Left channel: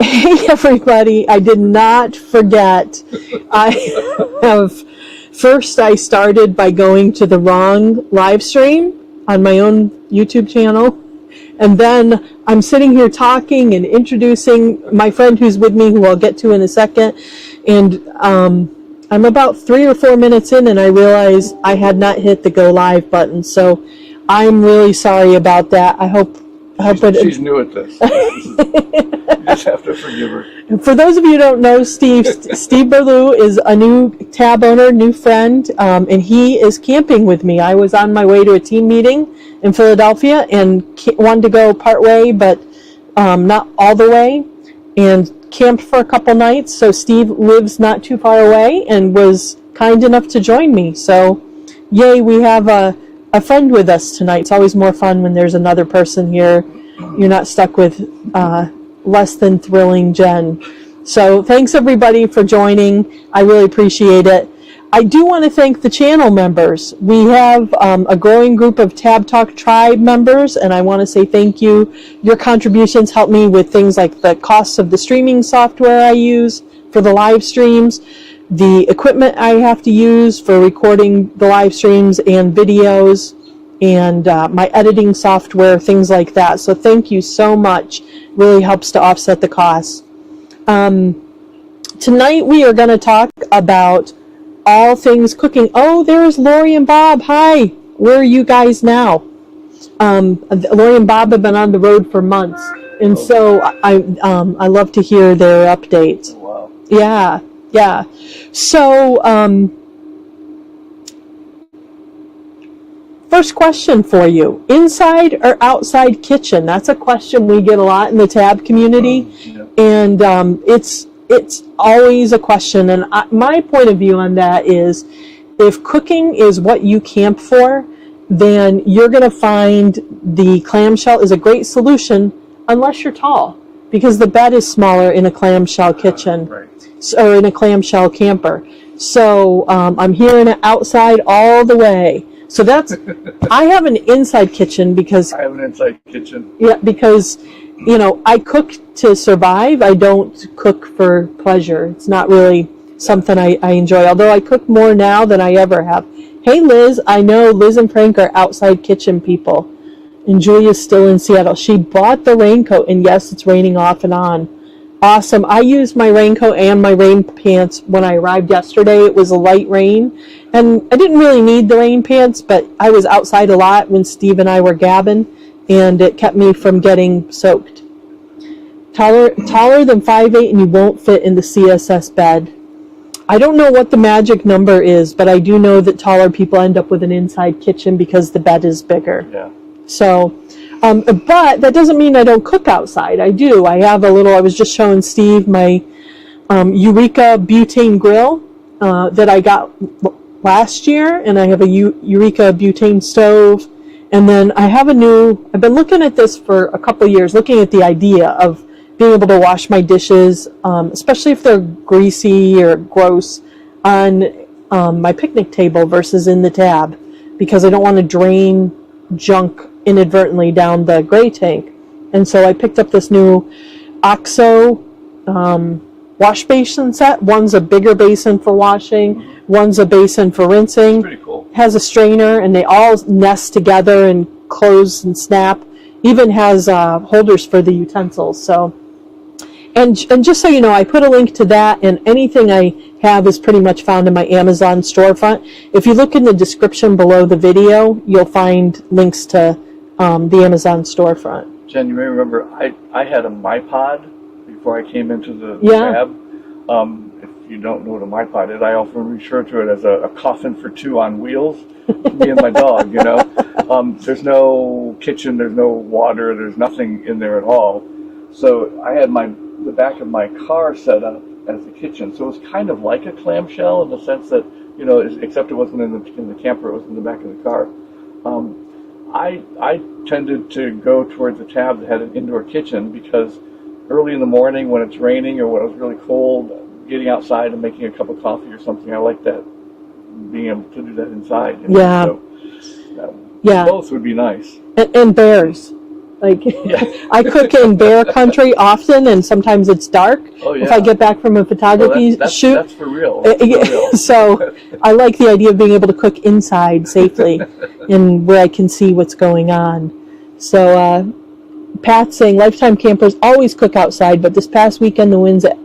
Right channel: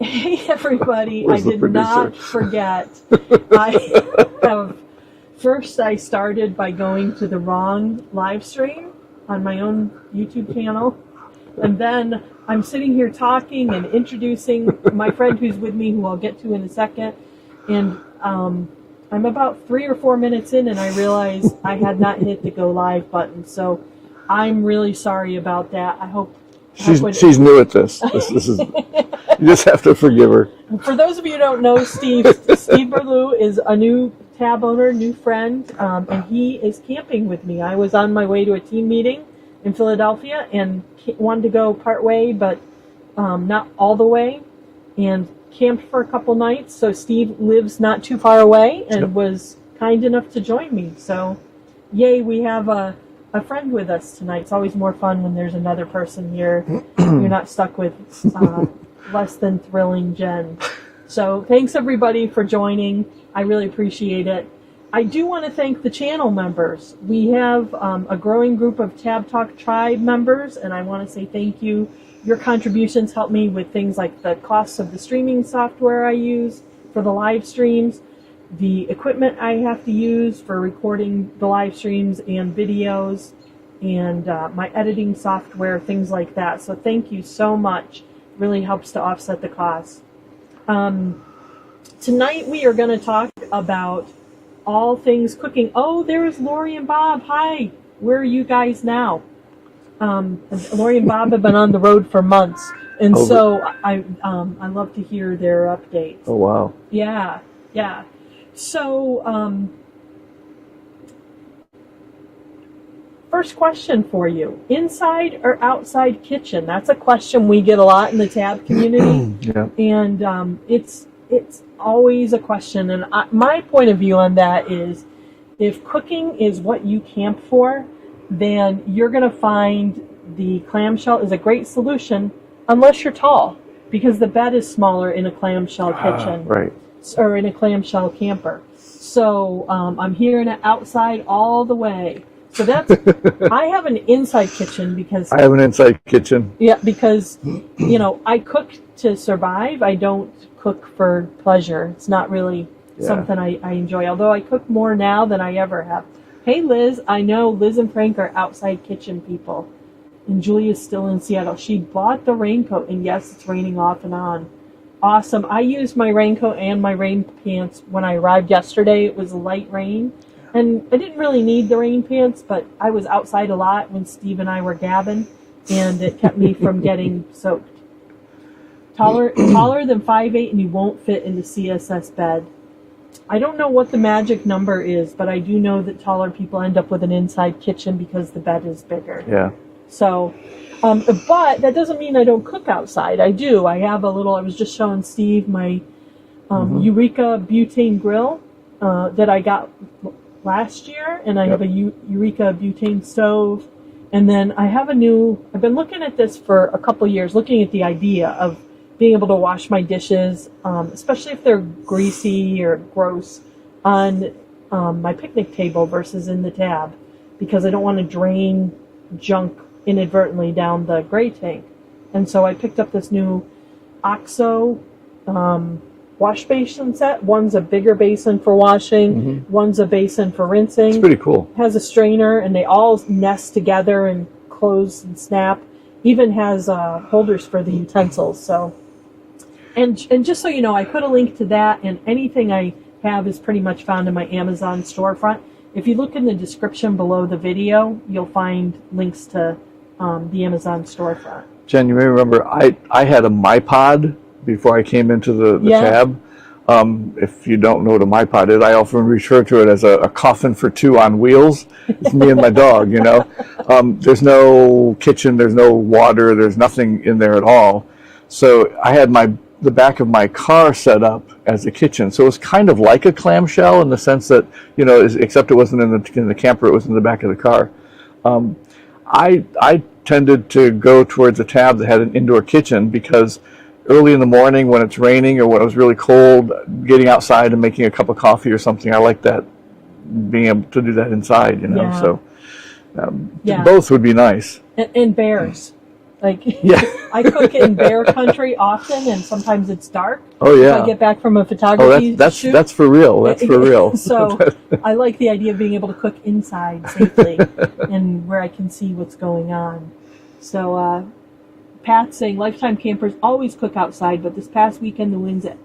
Hey everybody, I did not forget. First I started by going to the wrong live stream on my own YouTube channel. And then I'm sitting here talking and introducing my friend who's with me, who I'll get to in a second. And I'm about 3 or 4 minutes in, and I realized I had not hit the go live button. So I'm really sorry about that. I hope she's new at this. This is, you just have to forgive her. For those of you who don't know, Steve Berlew is a new TAB owner, new friend, and he is camping with me. I was on my way to a team meeting in Philadelphia and wanted to go part way, but not all the way, and camped for a couple nights. So Steve lives not too far away and was kind enough to join me. So yay, we have a friend with us tonight. It's always more fun when there's another person here. You're not stuck with less than thrilling Jen. So thanks everybody for joining. I really appreciate it. I do want to thank the channel members. We have a growing group of Tab Talk Tribe members, and I want to say thank you. Your contributions help me with things like the costs of the streaming software I use for the live streams, the equipment I have to use for recording the live streams and videos, and my editing software, things like that. So thank you so much. Really helps to offset the costs. Tonight we are going to talk about all things cooking. Oh, there's Lori and Bob. Hi. Where are you guys now? Lori and Bob have been on the road for months, and so I love to hear their updates. Oh wow. Yeah. Yeah. So, first question for you. Inside or outside kitchen? That's a question we get a lot in the TAB community. Yeah. And it's always a question. And my point of view on that is, if cooking is what you camp for, then you're going to find the clamshell is a great solution unless you're tall, because the bed is smaller in a clamshell kitchen. Right. Or in a clamshell camper. So I'm hearing it outside all the way. So that's, I have an inside kitchen because... I have an inside kitchen. Yeah, because, I cook to survive. I don't cook for pleasure. It's not really something I enjoy, although I cook more now than I ever have. Hey, Liz, I know Liz and Frank are outside kitchen people. And Julia's still in Seattle. She bought the raincoat, and yes, it's raining off and on. Awesome. I used my raincoat and my rain pants when I arrived yesterday. It was a light rain, and I didn't really need the rain pants, but I was outside a lot when Steve and I were gabbing, and it kept me from getting soaked. Taller than 5'8", and you won't fit in the CSS bed. I don't know what the magic number is, but I do know that taller people end up with an inside kitchen because the bed is bigger. Yeah. So, but that doesn't mean I don't cook outside. I do. I have I was just showing Steve my Eureka butane grill that I got last year, and I have a Eureka butane stove. And then I have I've been looking at this for a couple of years, looking at the idea of being able to wash my dishes, especially if they're greasy or gross, on my picnic table versus in the tab, because I don't want to drain junk inadvertently down the gray tank. And so I picked up this new OXO wash basin set. One's a bigger basin for washing, one's a basin for rinsing. It's pretty cool. Has a strainer, and they all nest together and close and snap. Even has holders for the utensils. So, and just so you know, I put a link to that, and anything I have is pretty much found in my Amazon storefront. If you look in the description below the video, you'll find links to the Amazon storefront. Jen, you may remember I had a MyPod before I came into the tab. If you don't know what a MyPod is, I often refer to it as a coffin for two on wheels. It's me and my dog, There's no kitchen, there's no water, there's nothing in there at all. So I had the back of my car set up as a kitchen. So it was kind of like a clamshell in the sense that, except it wasn't in the camper, it was in the back of the car. I tended to go towards a tab that had an indoor kitchen because early in the morning when it's raining or when it was really cold, getting outside and making a cup of coffee or something, I like that, being able to do that inside. Yeah. So both would be nice. And bears. Like, Yeah. I cook in bear country often, and sometimes it's dark. Oh, yeah. If I get back from a photography shoot. That's for real. That's for real. So I like the idea of being able to cook inside safely and where I can see what's going on. So Pat's saying lifetime campers always cook outside, but this past weekend the winds at,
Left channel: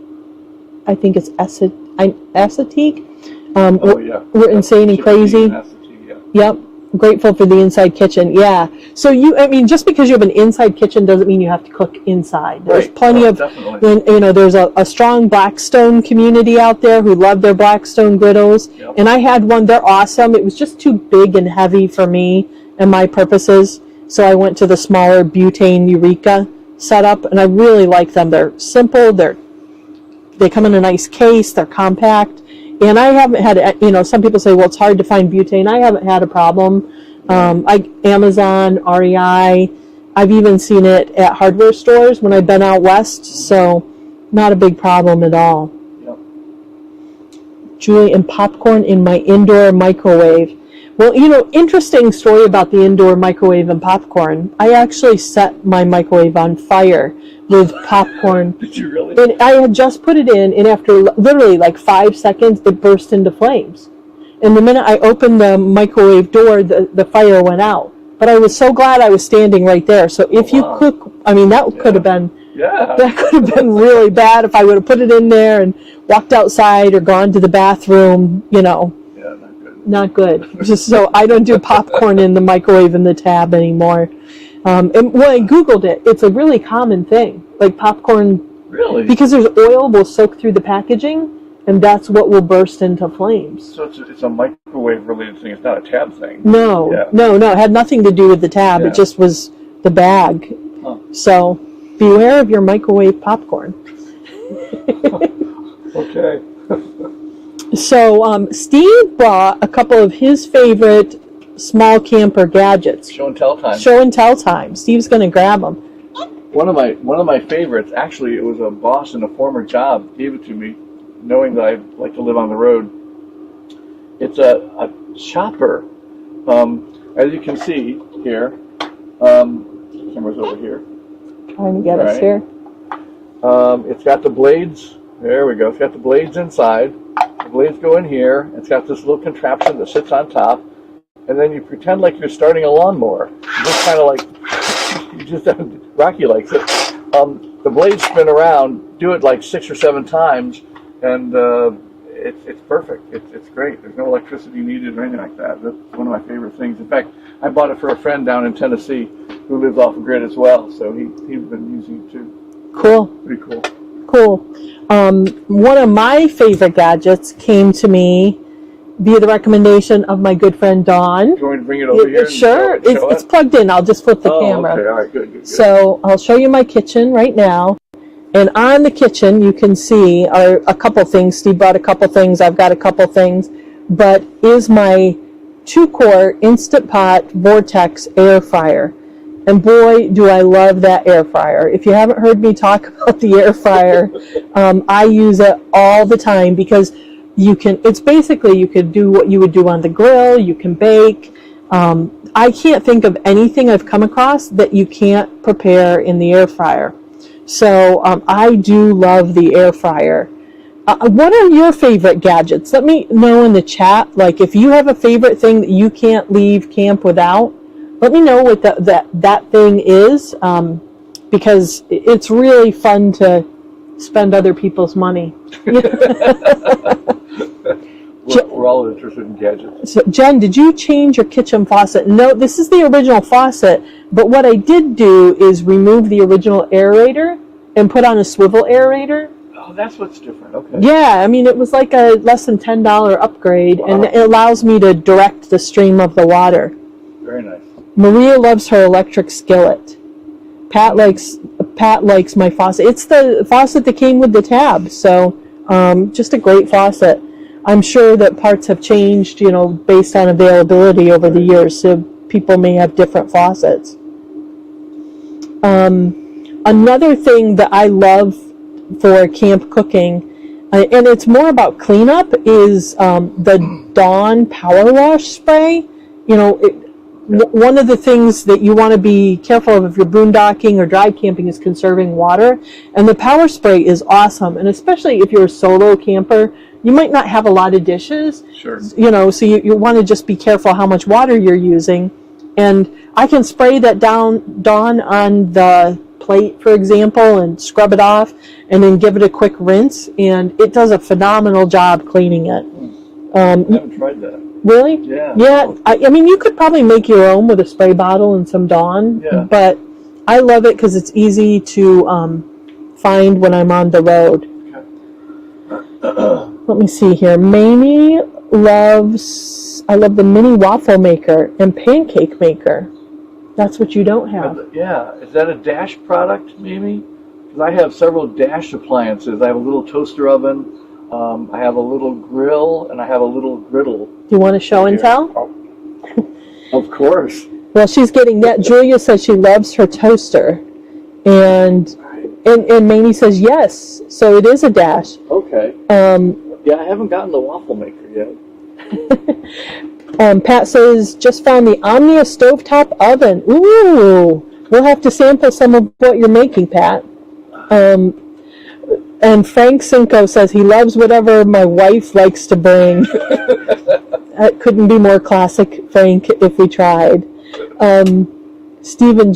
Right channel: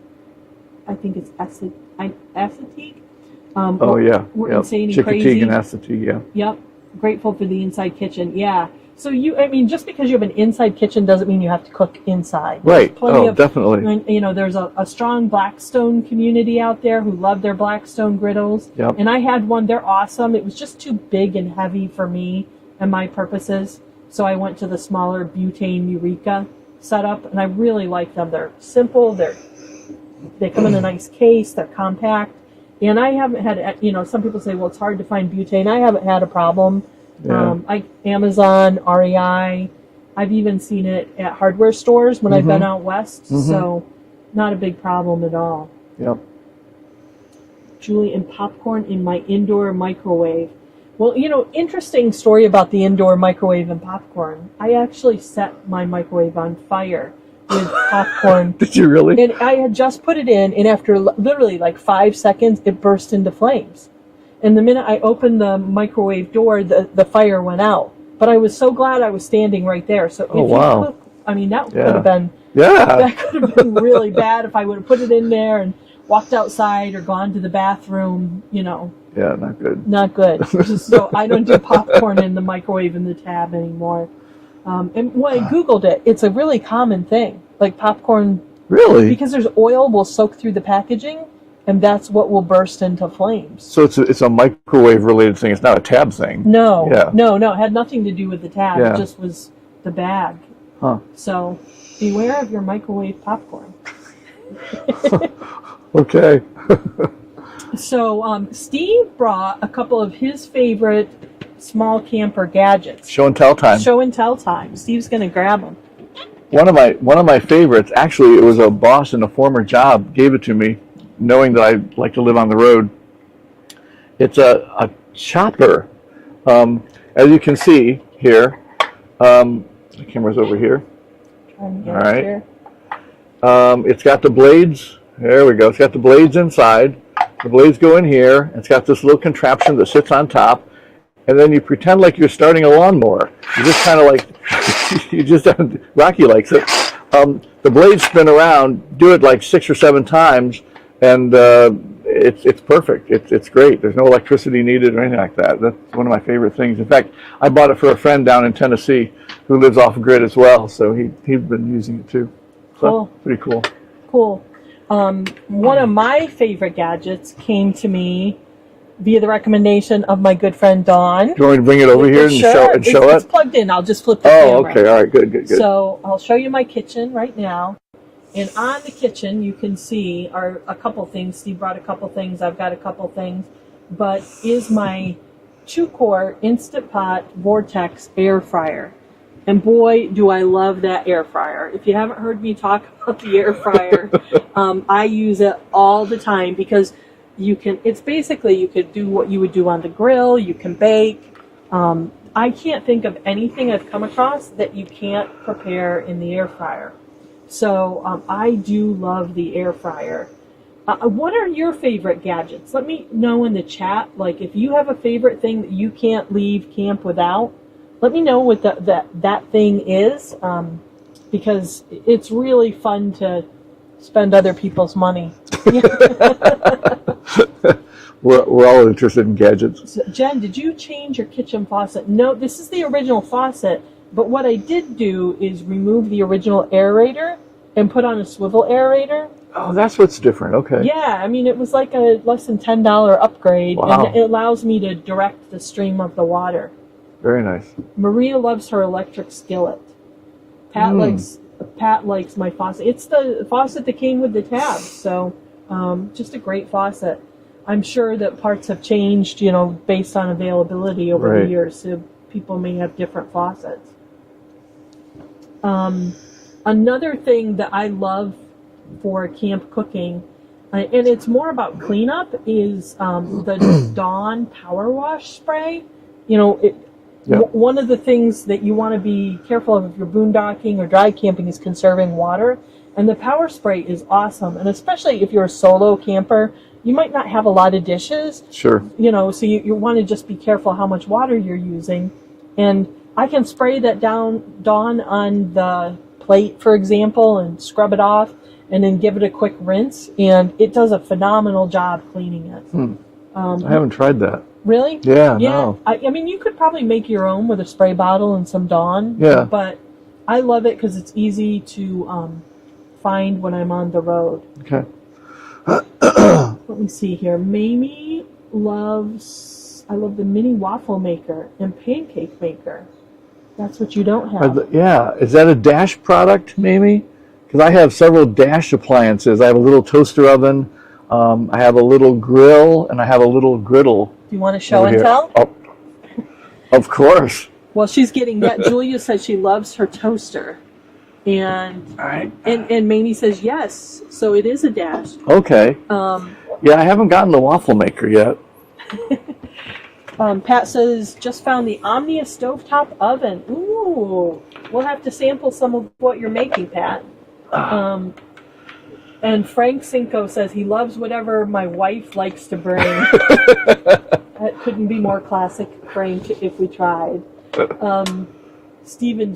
I think it's Assateague. We're insane and crazy. And Assateague, yeah. Yep. Grateful for the inside kitchen. Yeah. So just because you have an inside kitchen doesn't mean you have to cook inside. There's Right. plenty of, definitely. And, there's a strong Blackstone community out there who love their Blackstone griddles. Yep. And I had one. They're awesome. It was just too big and heavy for me and my purposes. So I went to the smaller Builtin Eureka setup, and I really like them. They're simple. They come in a nice case. They're compact. And I haven't had, some people say, well, it's hard to find butane. I haven't had a problem. Amazon, REI, I've even seen it at hardware stores when I've been out west. So not a big problem at all. Yep. Julie, and popcorn in my indoor microwave. Well, interesting story about the indoor microwave and popcorn. I actually set my microwave on fire with popcorn. Did you really? And I had just put it in, and after literally like 5 seconds, it burst into flames. And the minute I opened the microwave door, the fire went out. But I was so glad I was standing right there. So if you cook, that could have been, that could have been really bad if I would have put it in there and walked outside or gone to the bathroom, Yeah, not good. Not good. So I don't do popcorn in the microwave in the tab anymore. And when I Googled it, it's a really common thing. Like popcorn. Really? Because there's oil will soak through the packaging, and that's what will burst into flames. So it's a microwave related thing. It's not a tab thing. No. It had nothing to do with the tab. Yeah. It just was the bag. Huh. So beware of your microwave popcorn. Okay. So Steve brought a couple of his favorite small camper gadgets. Show and tell time. Show and tell time. Steve's going to grab them. One of my favorites, actually, it was a boss in a former job gave it to me, knowing that I like to live on the road. It's a chopper. As you can see here, the camera's over here. Trying to get us here. It's got the blades. There we go. It's got the blades inside. The blades go in here. It's got this little contraption that sits on top. And then you pretend like you're starting a lawnmower. You just kind of like, Rocky likes it. The blades spin around, do it like 6 or 7 times, and it's perfect. It's great. There's no electricity needed or anything like that. That's one of my favorite things. In fact, I bought it for a friend down in Tennessee who lives off grid as well, so he'd been using it too. Cool. Pretty cool. Cool. One of my favorite gadgets came to me via the recommendation of my good friend Dawn. Do you want me to bring it over here and show it? It's plugged in. I'll just flip the camera. Okay. All right. Good. So I'll show you my kitchen right now. And on the kitchen, you can see a couple things. Steve brought a couple things. I've got a couple things. But is my 2-quart Instant Pot Vortex Air Fryer. And boy, do I love that air fryer. If you haven't heard me talk about the air fryer, I use it all the time because you can do what you would do on the grill. You can bake. I can't think of anything I've come across that you can't prepare in the air fryer. So I do love the air fryer. What are your favorite gadgets? Let me know in the chat. Like if you have a favorite thing that you can't leave camp without, let me know what that thing is, because it's really fun to spend other people's money. We're all interested in gadgets. So, Jen, did you change your kitchen faucet? No, this is the original faucet, but what I did do is remove the original aerator and put on a swivel aerator. Oh, that's what's different. Okay. Yeah, it was like a less than $10 upgrade, Wow. and it allows me to direct the stream of the water. Very nice. Maria loves her electric skillet. Pat likes my faucet. It's the faucet that came with the tab, so just a great faucet. I'm sure that parts have changed, based on availability over the years, so people may have different faucets. Another thing that I love for camp cooking, and it's more about cleanup, is the Dawn Power Wash Spray. One of the things that you want to be careful of if you're boondocking or dry camping is conserving water. And the power spray is awesome. And especially if you're a solo camper, you might not have a lot of dishes. Sure. So you want to just be careful how much water you're using. And I can spray that down on the plate, for example, and scrub it off, and then give it a quick rinse. And it does a phenomenal job cleaning it. I haven't tried that. Really? Yeah. Yeah. No. I mean, you could probably make your own with a spray bottle and some Dawn. Yeah. But I love it because it's easy to find when I'm on the road. Okay. Let me see here. Mamie loves, I love the mini waffle maker and pancake maker. That's what you don't have. Yeah. Is that a Dash product, maybe? Because I have several Dash appliances. I have a little toaster oven. I have a little grill, and I have a little griddle. Do you want to show and tell? Oh, of course. Well, she's getting that. Julia says she loves her toaster. And and Mamie says yes. So it is a Dash. Okay. Yeah, I haven't gotten the waffle maker yet. Pat says, just found the Omnia stovetop oven. Ooh. We'll have to sample some of what you're making, Pat. And Frank Cinco says he loves whatever my wife likes to bring. That couldn't be more classic, Frank, if we tried. Stephen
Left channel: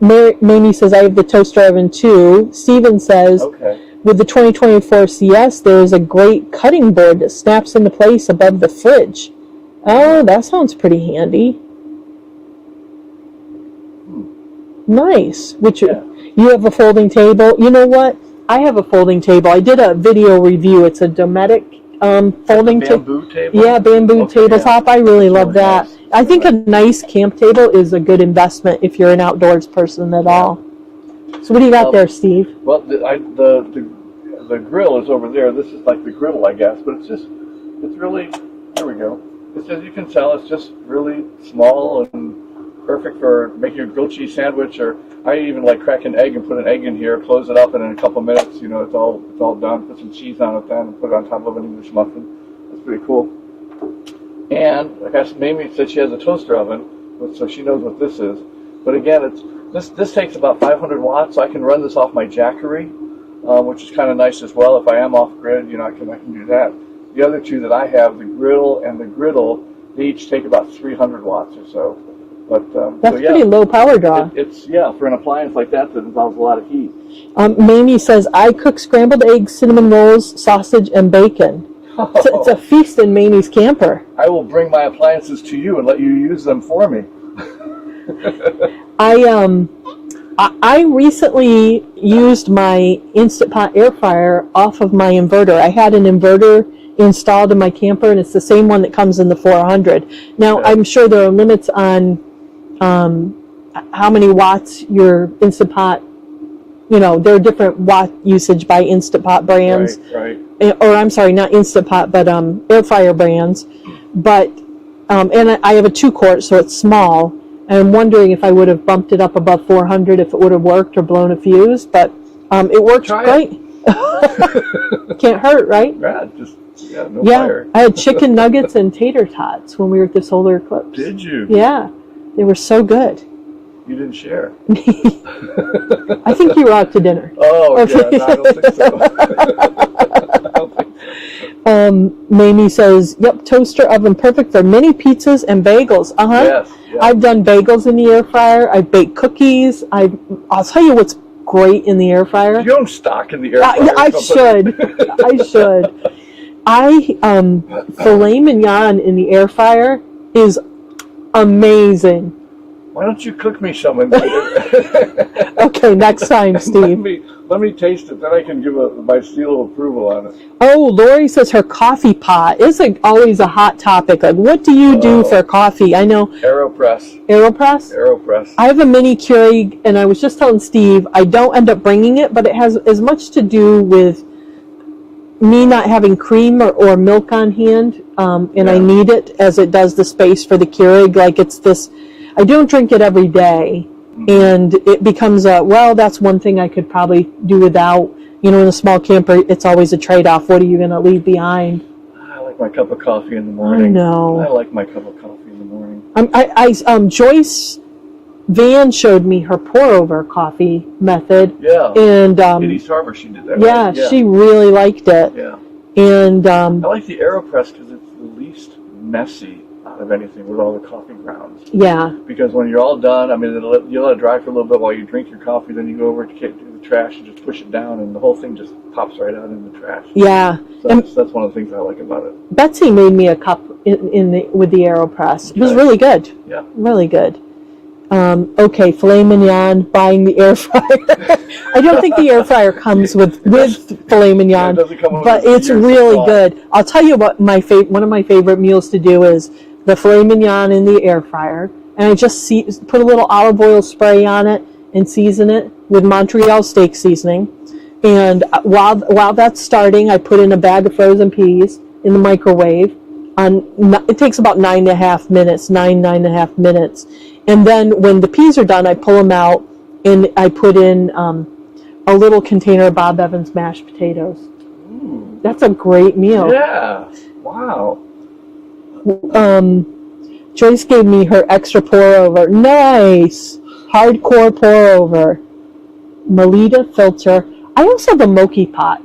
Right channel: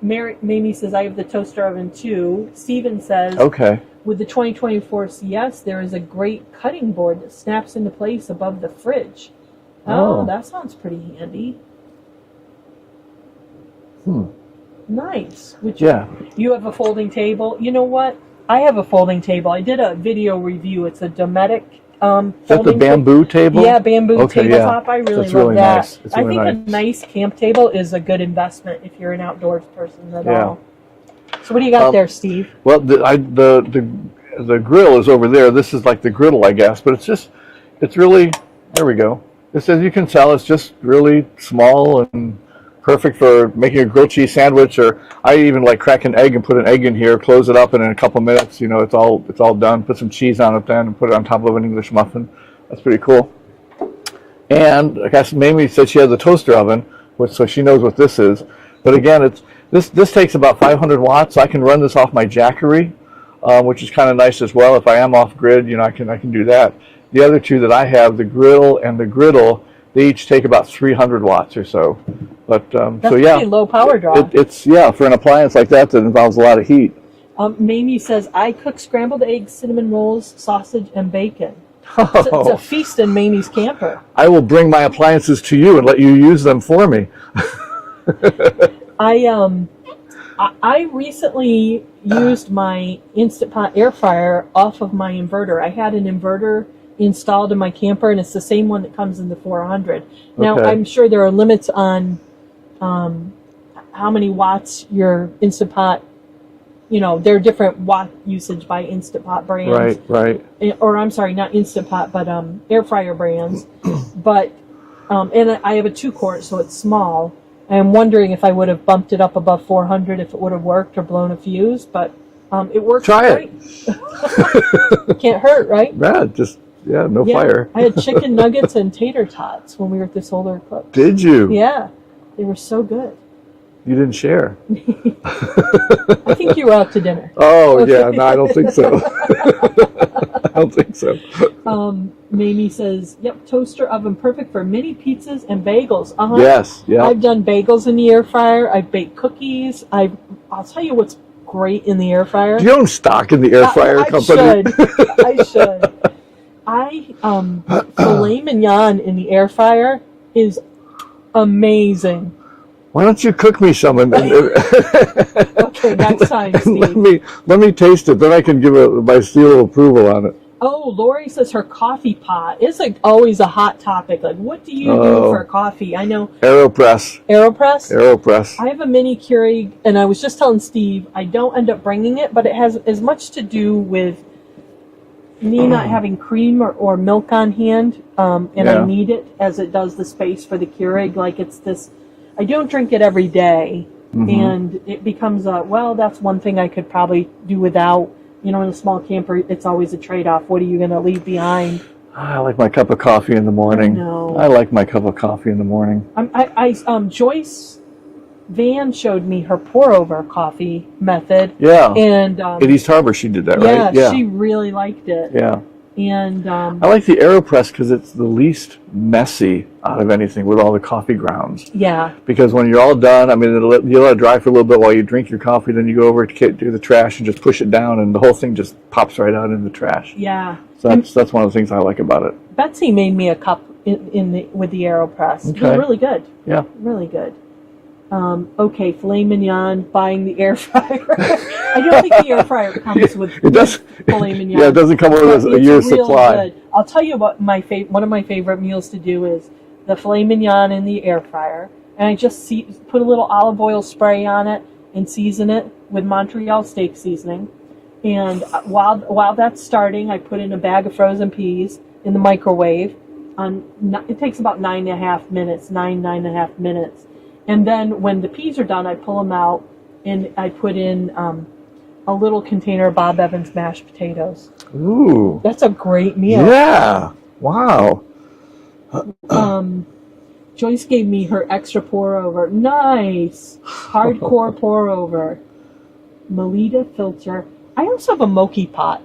Mamie says, I have the toaster oven too. Stephen says, okay. With the 2024 CS, there is a great cutting board that snaps into place above the fridge. Oh, that sounds pretty handy. Nice. You have a folding table. You know what? I have a folding table. I did a video review. It's a Dometic folding bamboo table? Yeah, bamboo tabletop. I really love really that. Nice. I think a nice camp table is a good investment if you're an outdoors person at all. So what do you got there, Steve? Well, the grill is over there. This is like the griddle, I guess, but it's really, there we go. It says you can tell it's just really small and perfect for making a grilled cheese sandwich, or I even like crack an egg and put an egg in here, close it up, and in a couple minutes, it's all done. Put some cheese on it then, and put it on top of an English muffin. That's pretty cool. And I guess Mamie said she has a toaster oven, so she knows what this is. But again, this takes about 500 watts. So I can run this off my Jackery, which is kind of nice as well. If I am off grid, I can do that. The other two that I have, the grill and the griddle, they each take about 300 watts or so. But that's pretty low power draw. It's for an appliance like that involves a lot of heat. Mamie says, I cook scrambled eggs, cinnamon rolls, sausage, and bacon. It's a feast in Mamie's camper. I will bring my appliances to you and let you use them for me. I recently used my Insta Pot Air Fryer off of my inverter. I had an inverter installed in my camper, and it's the same one that comes in the 400. Now, I'm sure there are limits on how many watts your Instant Pot, there are different watt usage by Instant Pot brands. Right. Or I'm sorry, not Instant Pot, but air fryer brands. But, and I have a 2-quart, so it's small. And I'm wondering if I would have bumped it up above 400 if it would have worked or blown a fuse. But it works great. Can't hurt, right? Yeah, no fire. I had chicken nuggets and tater tots when we were at the solar eclipse. Did you? Yeah. They were so good. You didn't share. I think you were out to dinner. Oh, okay. Yeah. No, I don't think so. I don't think so. Mamie says, yep, toaster oven perfect for mini pizzas and bagels. Yes. Yeah. I've done bagels in the air fryer. I've baked cookies. I'll tell you what's great in the air fryer. You don't stock in the air fryer I company. should. Filet mignon in the air fryer is amazing. Why don't you cook me some? Okay, next time, Steve. Let me taste it, then I can give my seal of approval on it. Oh, Lori says her coffee pot is always a hot topic. Like, what do you do for coffee? I know. AeroPress. AeroPress? I have a mini Keurig, and I was just telling Steve, I don't end up bringing it, but it has as much to do with me not having cream or milk on hand, and I need it as it does the space for the Keurig. Like, it's this, I don't drink it every day, and it becomes that's one thing I could probably do without. In a small camper, it's always a trade-off. What are you going to leave behind? I like my cup of coffee in the morning. I know. I like my cup of coffee in the morning. Joyce Van showed me her pour-over coffee method. Yeah. And in East Harbor, she did that, yeah, right? Yeah, she really liked it. Yeah. And I like the AeroPress because it's the least messy out of anything with all the coffee grounds. Yeah. Because when you're all done, I mean, you let it dry for a little bit while you drink your coffee, then you go over to do the trash and just push it down, and the whole thing just pops right out in the trash. Yeah. So that's one of the things I like about it. Betsy made me a cup with the AeroPress. Okay. It was really good. Yeah. Really good. Okay, filet mignon, buying the air fryer. I don't think the air fryer comes with filet mignon. Yeah, it doesn't come with but a it's year's really supply. good. I'll tell you what one of my favorite meals to do is the filet mignon in the air fryer, and I just put a little olive oil spray on it and season it with Montreal steak seasoning. And while that's starting, I put in a bag of frozen peas in the microwave. It takes about 9.5 minutes. And then when the peas are done, I pull them out and I put in a little container of Bob Evans mashed potatoes. Ooh. That's a great meal. Yeah. Wow. Joyce gave me her extra pour-over. Nice. Hardcore pour-over. Melita filter. I also have a mocha pot,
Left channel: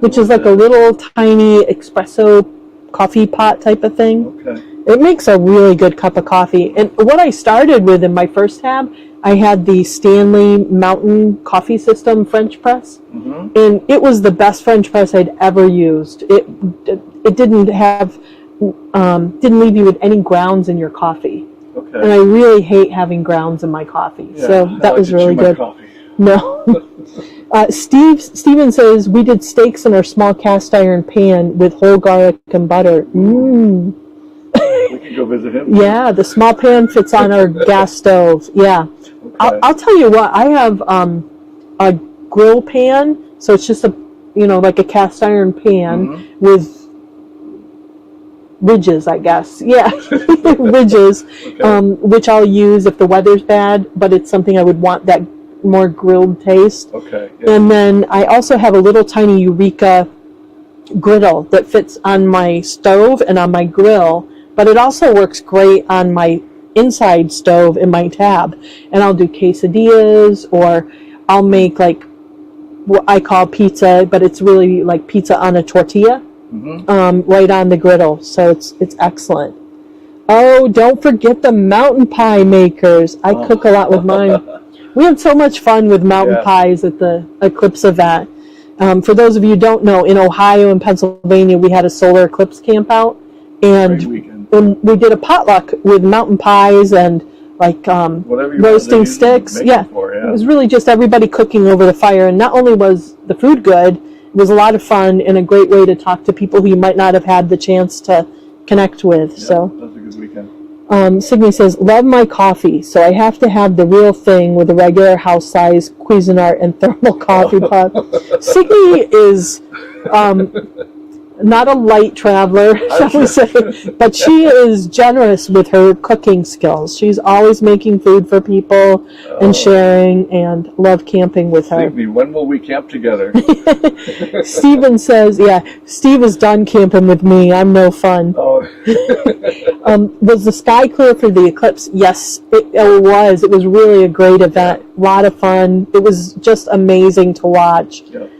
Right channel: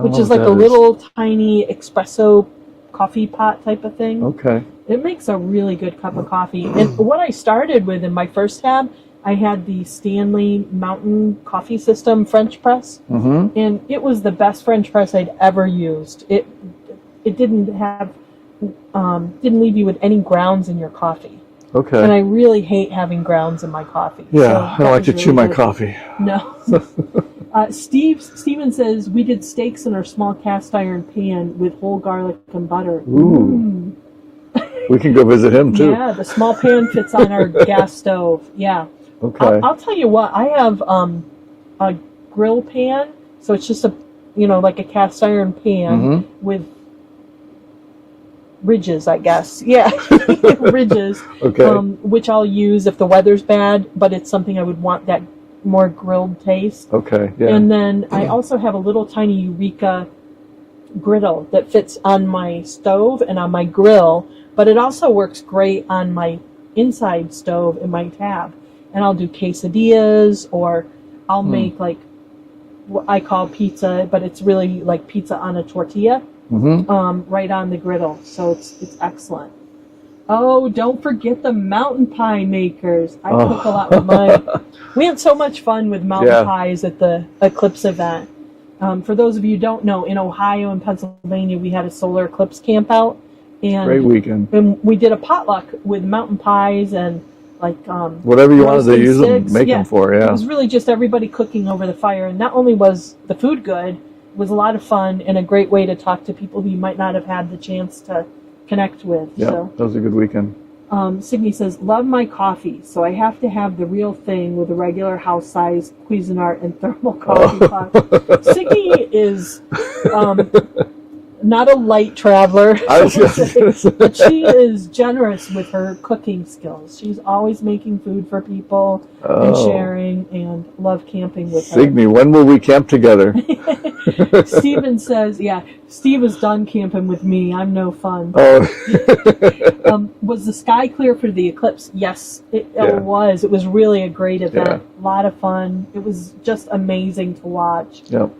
which is like a little tiny espresso coffee pot type of thing. Okay. It makes a really good cup of coffee. And what I started with in my first tab, I had the Stanley Mountain Coffee System French press, and it was the best French press I'd ever used. It didn't leave you with any grounds in your coffee. Okay. And I really hate having grounds in my coffee. Yeah, so I that like was to really chew my good. coffee. No. Steven says, we did steaks in our small cast iron pan with whole garlic and butter. Ooh. We can go visit him, too. Yeah, the small pan fits on our gas stove. Yeah. Okay. I'll tell you what, I have a grill pan, so it's just like a cast iron pan with ridges, I guess. Yeah, ridges, Okay. which I'll use if the weather's bad, but it's something I would want that more grilled taste. Okay, yeah. And then I also have a little tiny Eureka griddle that fits on my stove and on my grill, but it also works great on my inside stove in my tab. And I'll do quesadillas, or I'll make like what I call pizza, but it's really like pizza on a tortilla. Right on the griddle, so it's excellent. Oh, don't forget the mountain pie makers. I cook a lot with mine. We had so much fun with mountain pies at the Eclipse event. For those of you who don't know, in Ohio and Pennsylvania, we had a solar eclipse camp out, Great weekend. and we did a potluck with mountain pies and like whatever you wanted to roasting use them, sticks. make them for. Yeah. It was really just everybody cooking over the fire, and not only was the food good, it was a lot of fun and a great way to talk to people who you might not have had the chance to connect with. Yeah, So that was a good weekend. Signe says, love my coffee, so I have to have the real thing with a regular house size Cuisinart and thermal coffee pot. Signe is not a light traveler, but she is generous with her cooking skills. She's always making food for people and sharing, and love camping with her. Signe, when will we camp together? Steven says, yeah, Steve is done camping with me. I'm no fun. Was the sky clear for the eclipse? Yes, it was. It was really a great event. A lot of fun. It was just amazing to watch. Yep.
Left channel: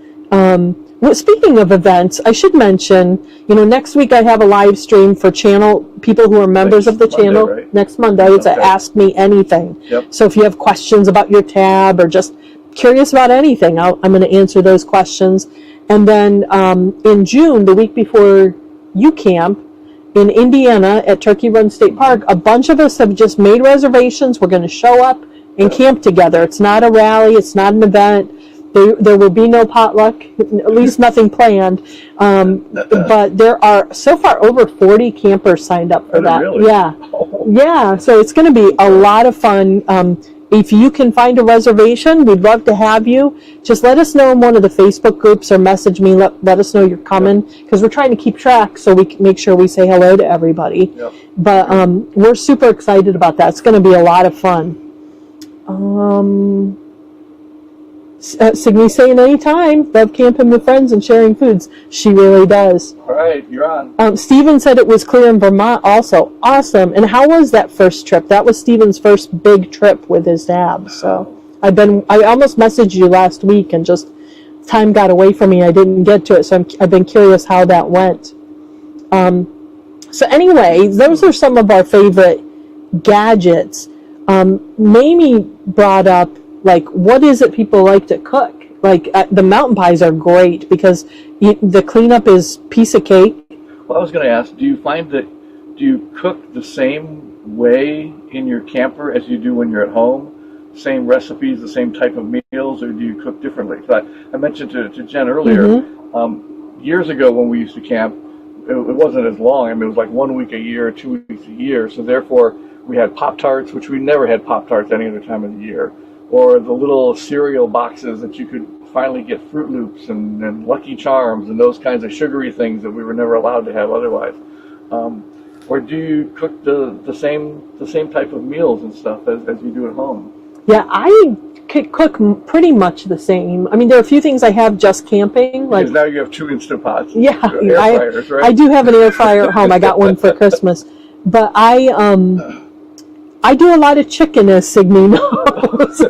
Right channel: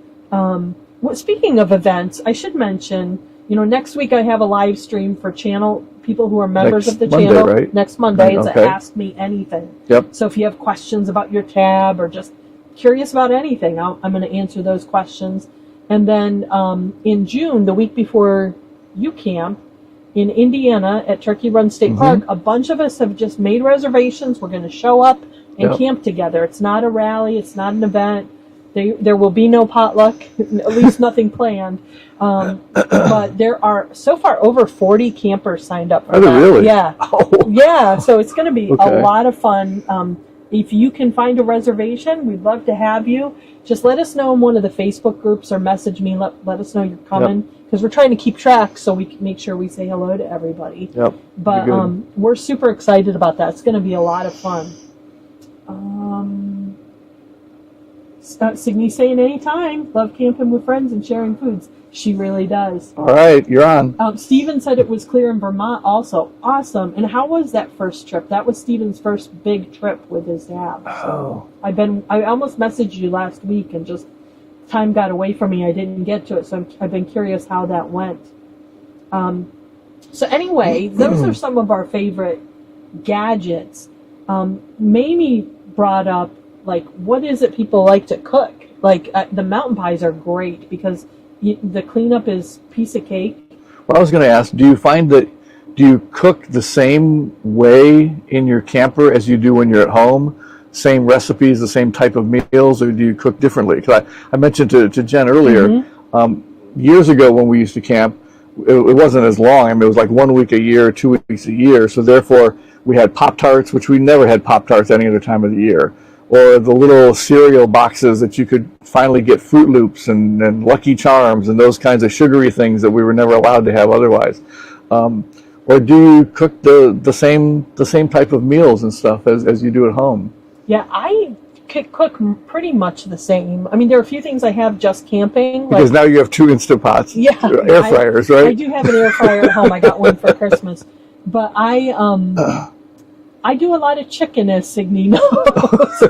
Well, speaking of events, I should mention, next week I have a live stream for people who are members of the channel. Right? Next Monday. It's a Ask Me Anything. Yep. So if you have questions about your tab or just curious about anything, I'm going to answer those questions. And then in June, the week before you camp, in Indiana at Turkey Run State Park, a bunch of us have just made reservations. We're going to show up and camp together. It's not a rally. It's not an event. There will be no potluck, at least nothing planned. But there are so far over 40 campers signed up for that. Really? Yeah. Yeah, so it's going to be a lot of fun. If you can find a reservation, we'd love to have you. Just let us know in one of the Facebook groups or message me. Let us know you're coming, because we're trying to keep track so we can make sure we say hello to everybody. Yep. But we're super excited about that. It's going to be a lot of fun. Signy's saying anytime. Love camping with friends and sharing foods. She really does. All right, you're on. Steven said it was clear in Vermont also. Awesome. And how was that first trip? That was Steven's first big trip with his dad. So I almost messaged you last week and just time got away from me. I didn't get to it. So I've been curious how that went. So anyway, those are some of our favorite gadgets. Mamie brought up, like, what is it people like to cook? Like, the mountain pies are great because the cleanup is piece of cake. Well, I was going to ask, do you cook the same way in your camper as you do when you're at home? Same recipes, the same type of meals, or do you cook differently? Because I mentioned to Jen earlier, years ago when we used to camp, it wasn't as long. I mean, it was like 1 week a year, 2 weeks a year. So therefore, we had Pop-Tarts, which we never had Pop-Tarts any other time of the year. Or the little cereal boxes that you could finally get Fruit Loops and Lucky Charms and those kinds of sugary things that we were never allowed to have otherwise. Or do you cook the same type of meals and stuff as you do at home? Yeah, I cook pretty much the same. I mean, there are a few things I have just camping. Because now you have 2 Insta Pots. Yeah, air fryers, right? I do have an air fryer at home. I got one for Christmas. But I do a lot of chicken, as Signy knows.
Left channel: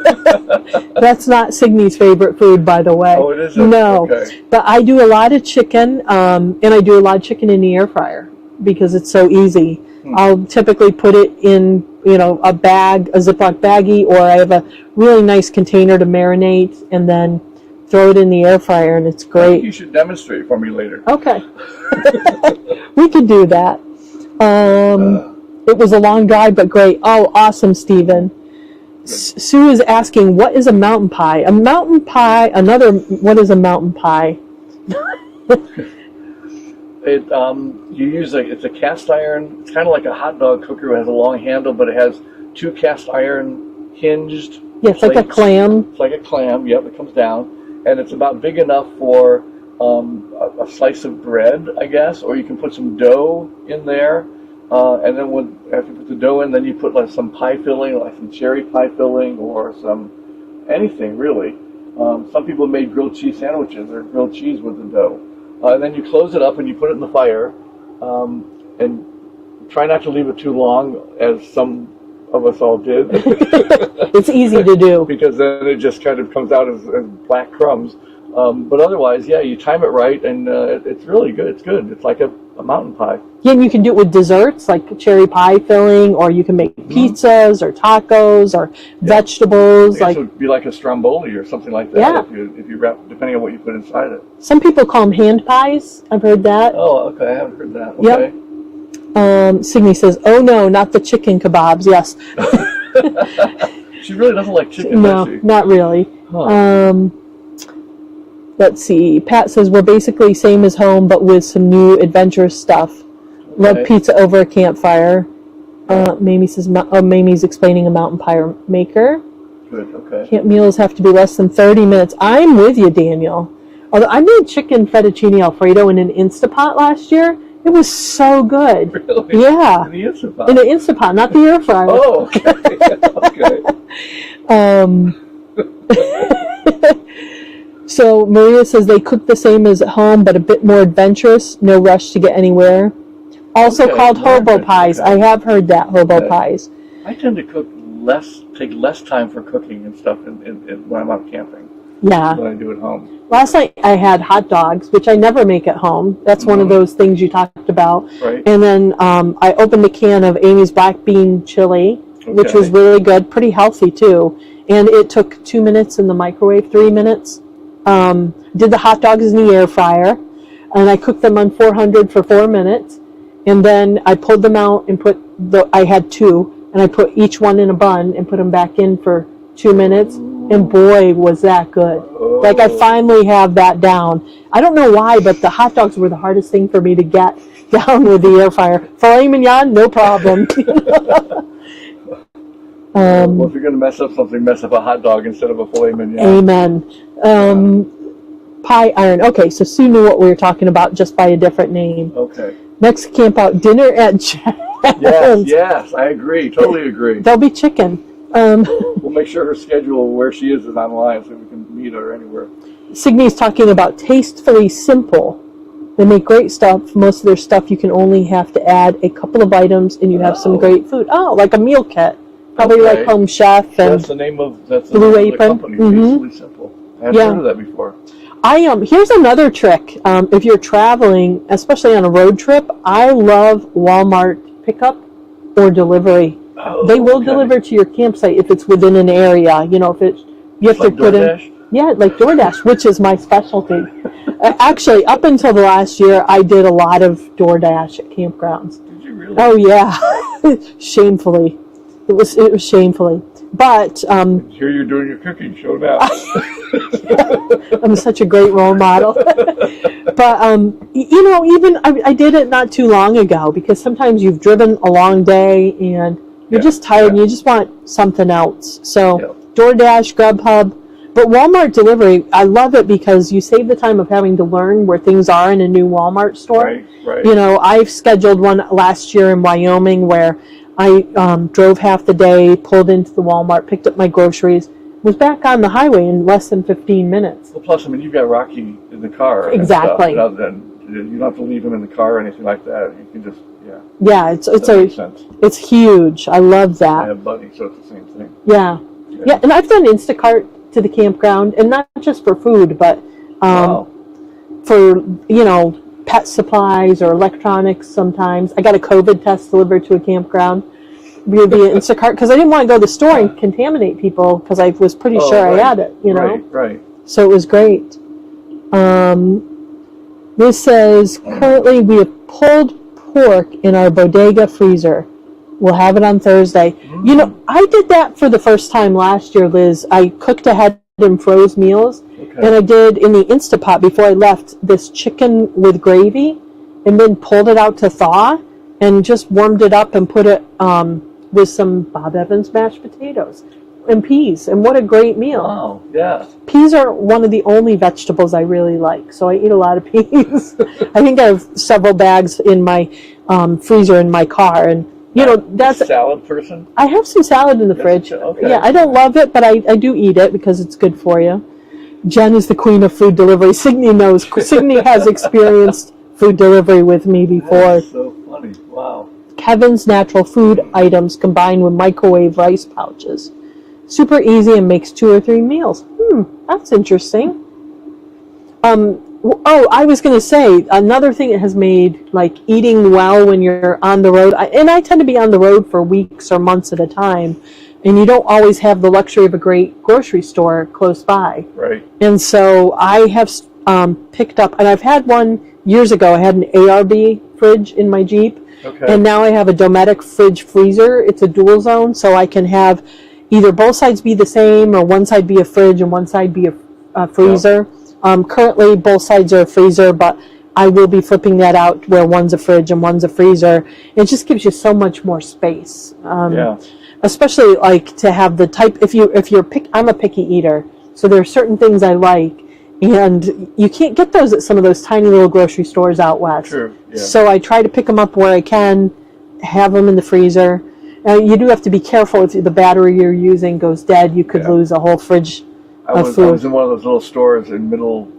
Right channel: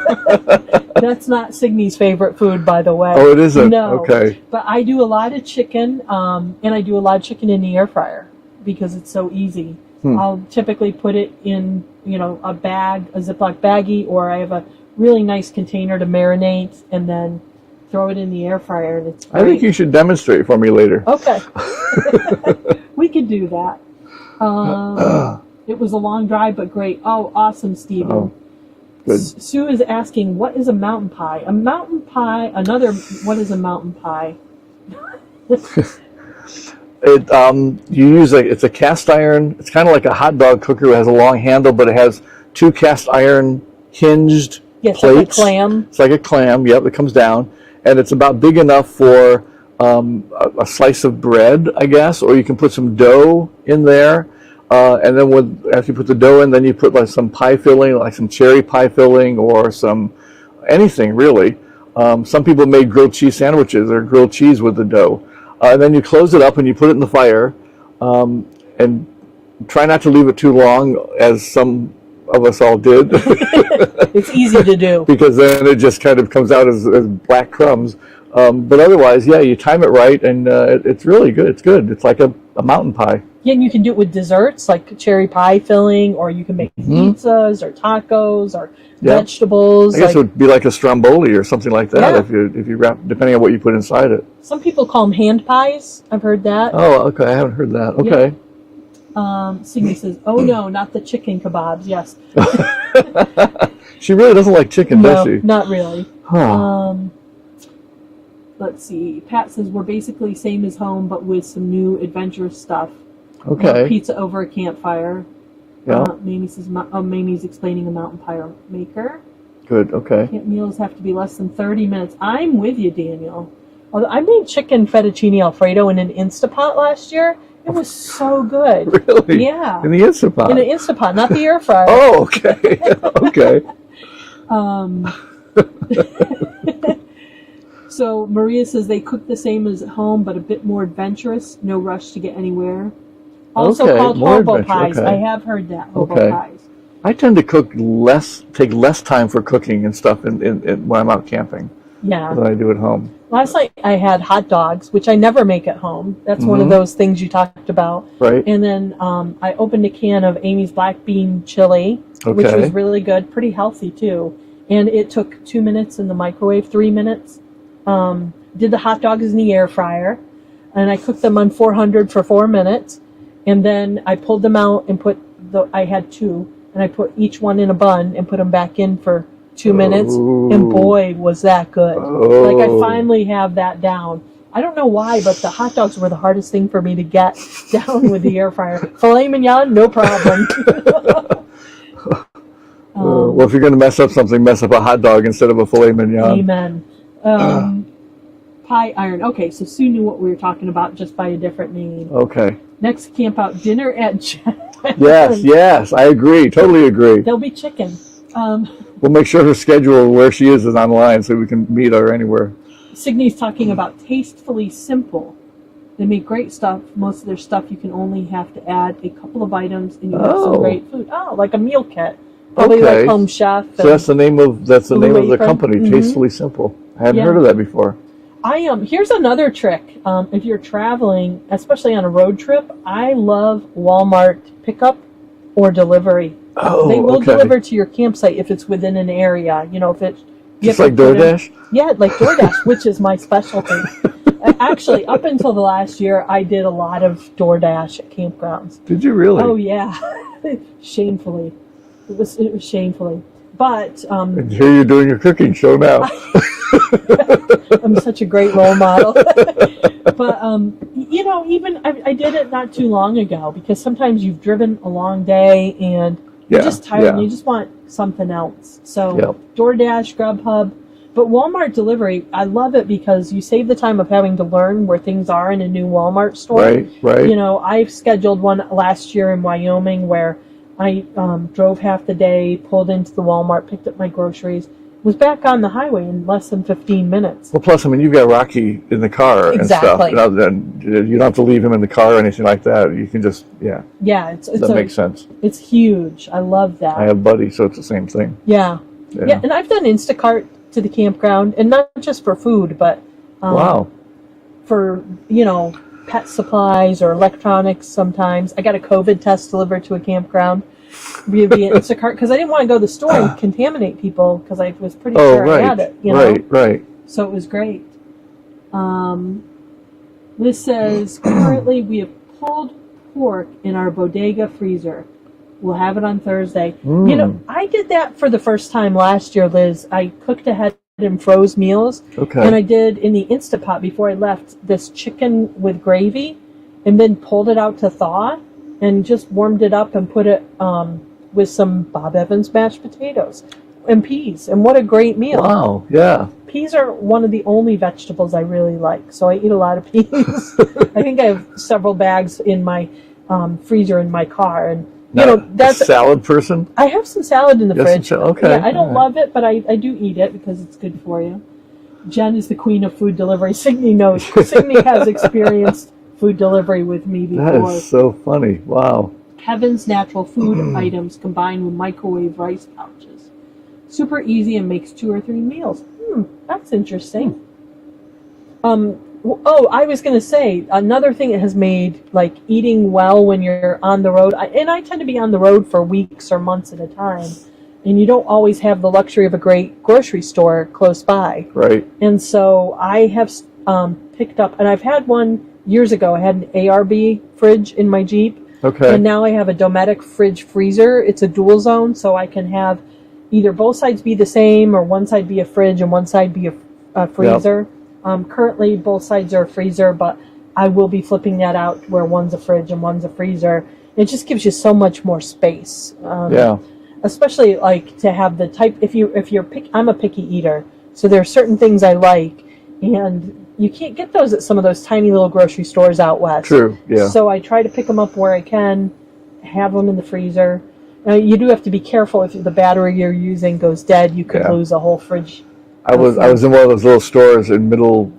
That's not Signy's favorite food, by the way. Oh, it isn't? No. Okay. But I do a lot of chicken, and I do a lot of chicken in the air fryer because it's so easy. I'll typically put it in, a bag, a Ziploc baggie, or I have a really nice container to marinate and then throw it in the air fryer, and it's great. I think you should demonstrate for me later. Okay. We could do that. It was a long drive, but great. Oh, awesome, Stephen. Sue is asking, what is a mountain pie? A mountain pie, what is a mountain pie? You use it's a cast iron. It's kind of like a hot dog cooker. It has a long handle, but it has 2 cast iron hinged plates. Like a clam. It's like a clam. Yep, it comes down, and it's about big enough for a slice of bread, I guess, or you can put some dough in there. And then after you put the dough in, then you put like some pie filling, like some cherry pie filling, or anything really. Some people made grilled cheese sandwiches or grilled cheese with the dough. And then you close it up and you put it in the fire, and try not to leave it too long, as some of us all did. It's easy to do. Because then it just kind of comes out as black crumbs. But otherwise, yeah, you time it right, and it's really good. It's good. It's like a mountain pie. Yeah, and you can do it with desserts, like cherry pie filling, or you can make pizzas or tacos or vegetables. I guess it would be like a stromboli or something like that if you wrap, depending on what you put inside it. Some people call them hand pies. I've heard that. Oh, okay. I haven't heard that. Okay. Yep. Signy says, "Oh no, not the chicken kebabs." Yes. She really doesn't like chicken, no, does she? Not really. Huh. Let's see. Pat says we're basically same as home, but with some new adventurous stuff. Okay. Love pizza over a campfire. Yeah. Mamie says, Mamie's explaining a mountain pie maker. Good, okay. Camp meals have to be less than 30 minutes. I'm with you, Daniel. Although I made chicken fettuccine Alfredo in an Insta Pot last year. It was so good. Really? Yeah. In the Insta Pot? In the Insta Pot, not the air fryer. Oh, okay. Okay. So Maria says they cook the same as at home, but a bit more adventurous. No rush to get anywhere. Also called hobo pies. Okay. I have heard that, hobo pies. I tend to take less time for cooking and stuff when I'm out camping than I do at home. Last night I had hot dogs, which I never make at home. That's one of those things you talked about. Right. And then I opened a can of Amy's black bean chili, which was really good, pretty healthy too. And it took 2 minutes in the microwave, 3 minutes. Did the hot dogs in the air fryer, and I cooked them on 400 for 4 minutes. And then I pulled them out and I had 2, and I put each one in a bun and put them back in for 2 minutes. Ooh. And boy, was that good. Oh. Like, I finally have that down. I don't know why, but the hot dogs were the hardest thing for me to get down with the air fryer. Filet mignon, no problem. Well, if you're going to mess up something, mess up a hot dog instead of a filet mignon. Amen. Pie iron. Okay, so Sue knew what we were talking about just by a different name. Okay. Next camp out, dinner at Jen's. Yes, I agree. Totally agree. There'll be chicken. We'll make sure her schedule and where she is online so we can meet her anywhere. Signy's talking about Tastefully Simple. They make great stuff. Most of their stuff you can only have to add a couple of items and you have some great food. Oh, like a meal kit. Probably like Home Chef. So that's the name of the company, Tastefully Simple. I hadn't heard of that before. Here's another trick. If you're traveling, especially on a road trip, I love Walmart pickup or delivery. They will deliver to your campsite if it's within an area. You know, if it's just like DoorDash. Yeah, like DoorDash, which is my specialty. Actually, up until the last year, I did a lot of DoorDash at campgrounds. Did you really? Oh yeah, shamefully. It was shamefully. But and here you're doing your cooking show now. I'm such a great role model. But you know, even I did it not too long ago because sometimes you've driven a long day and you're just tired and you just want something else. So DoorDash, Grubhub. But Walmart delivery, I love it because you save the time of having to learn where things are in a new Walmart store. Right. You know, I've scheduled one last year in Wyoming where I drove half the day, pulled into the Walmart, picked up my groceries, was back on the highway in less than 15 minutes. Well, plus, I mean, you've got Rocky in the car exactly. and stuff. You don't have to leave him in the car or anything like that. You can just, Yeah, that makes sense. It's huge. I love that. I have Buddy, so it's the same thing. Yeah, and I've done Instacart to the campground, and not just for food, but for, you know, pet supplies or electronics sometimes. I got a COVID test delivered to a campground via Instacart because I didn't want to go to the store and contaminate people because I was pretty sure I had it, you know? Right. So it was great. This says, currently we have pulled pork in our bodega freezer. We'll have it on Thursday. You know, I did that for the first time last year, Liz. I cooked ahead and froze meals. And I did in the Insta Pot before I left this chicken with gravy and then pulled it out to thaw and just warmed it up and put it with some Bob Evans mashed potatoes and peas. And what a great meal. Wow, yeah. Peas are one of the only vegetables I really like, so I eat a lot of peas. I think I have several bags in my freezer in my car, and you know, that's a salad person. I have some salad in the fridge. Okay. Yeah, I don't love it, but I do eat it because it's good for you. Jen is the queen of food delivery. Signy knows. Signy has experienced food delivery with me before. That is so funny. Wow. Kevin's natural food items combined with microwave rice pouches. Super easy and makes 2 or 3 meals. That's interesting. I was going to say, another thing it has made, like, eating well when you're on the road, and I tend to be on the road for weeks or months at a time, and you don't always have the luxury of a great grocery store close by. Right. And so I have picked up, and I've had one years ago, I had an ARB fridge in my Jeep, and now I have a Dometic fridge freezer. It's a dual zone, so I can have either both sides be the same, or one side be a fridge and one side be a freezer. Currently, both sides are a freezer, but I will be flipping that out where one's a fridge and one's a freezer. It just gives you so much more space. Especially like to have the type. I'm a picky eater, so there are certain things I like, and you can't get those at some of those tiny little grocery stores out west. True. Yeah. So I try to pick them up where I can, have them in the freezer. You do have to be careful if the battery you're using goes dead. You could lose a whole fridge. I was in one of those little stores in middle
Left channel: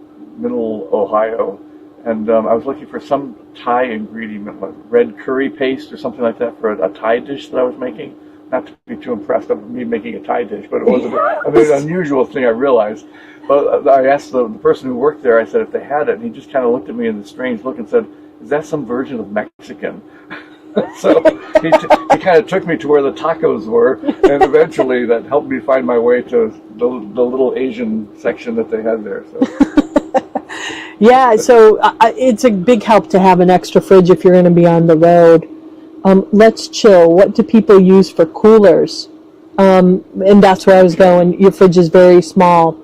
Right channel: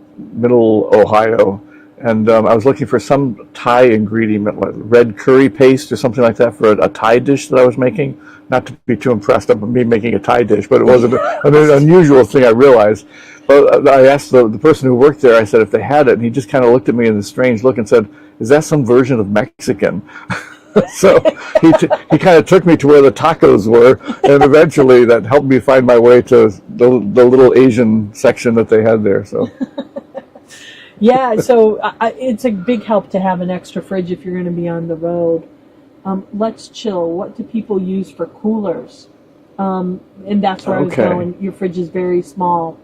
Ohio, and I was looking for some Thai ingredient, like red curry paste or something like that for a Thai dish that I was making. Not to be too impressed of me making a Thai dish, but it was an unusual thing, I realized. But I asked the person who worked there, I said if they had it, and he just kind of looked at me in a strange look and said, "Is that some version of Mexican?" So he kind of took me to where the tacos were, and eventually that helped me find my way to the little Asian section that they had there. So yeah, so it's a big help to have an extra fridge if you're going to be on the road. Let's chill. What do people use for coolers? And that's where I was going. Your fridge is very small.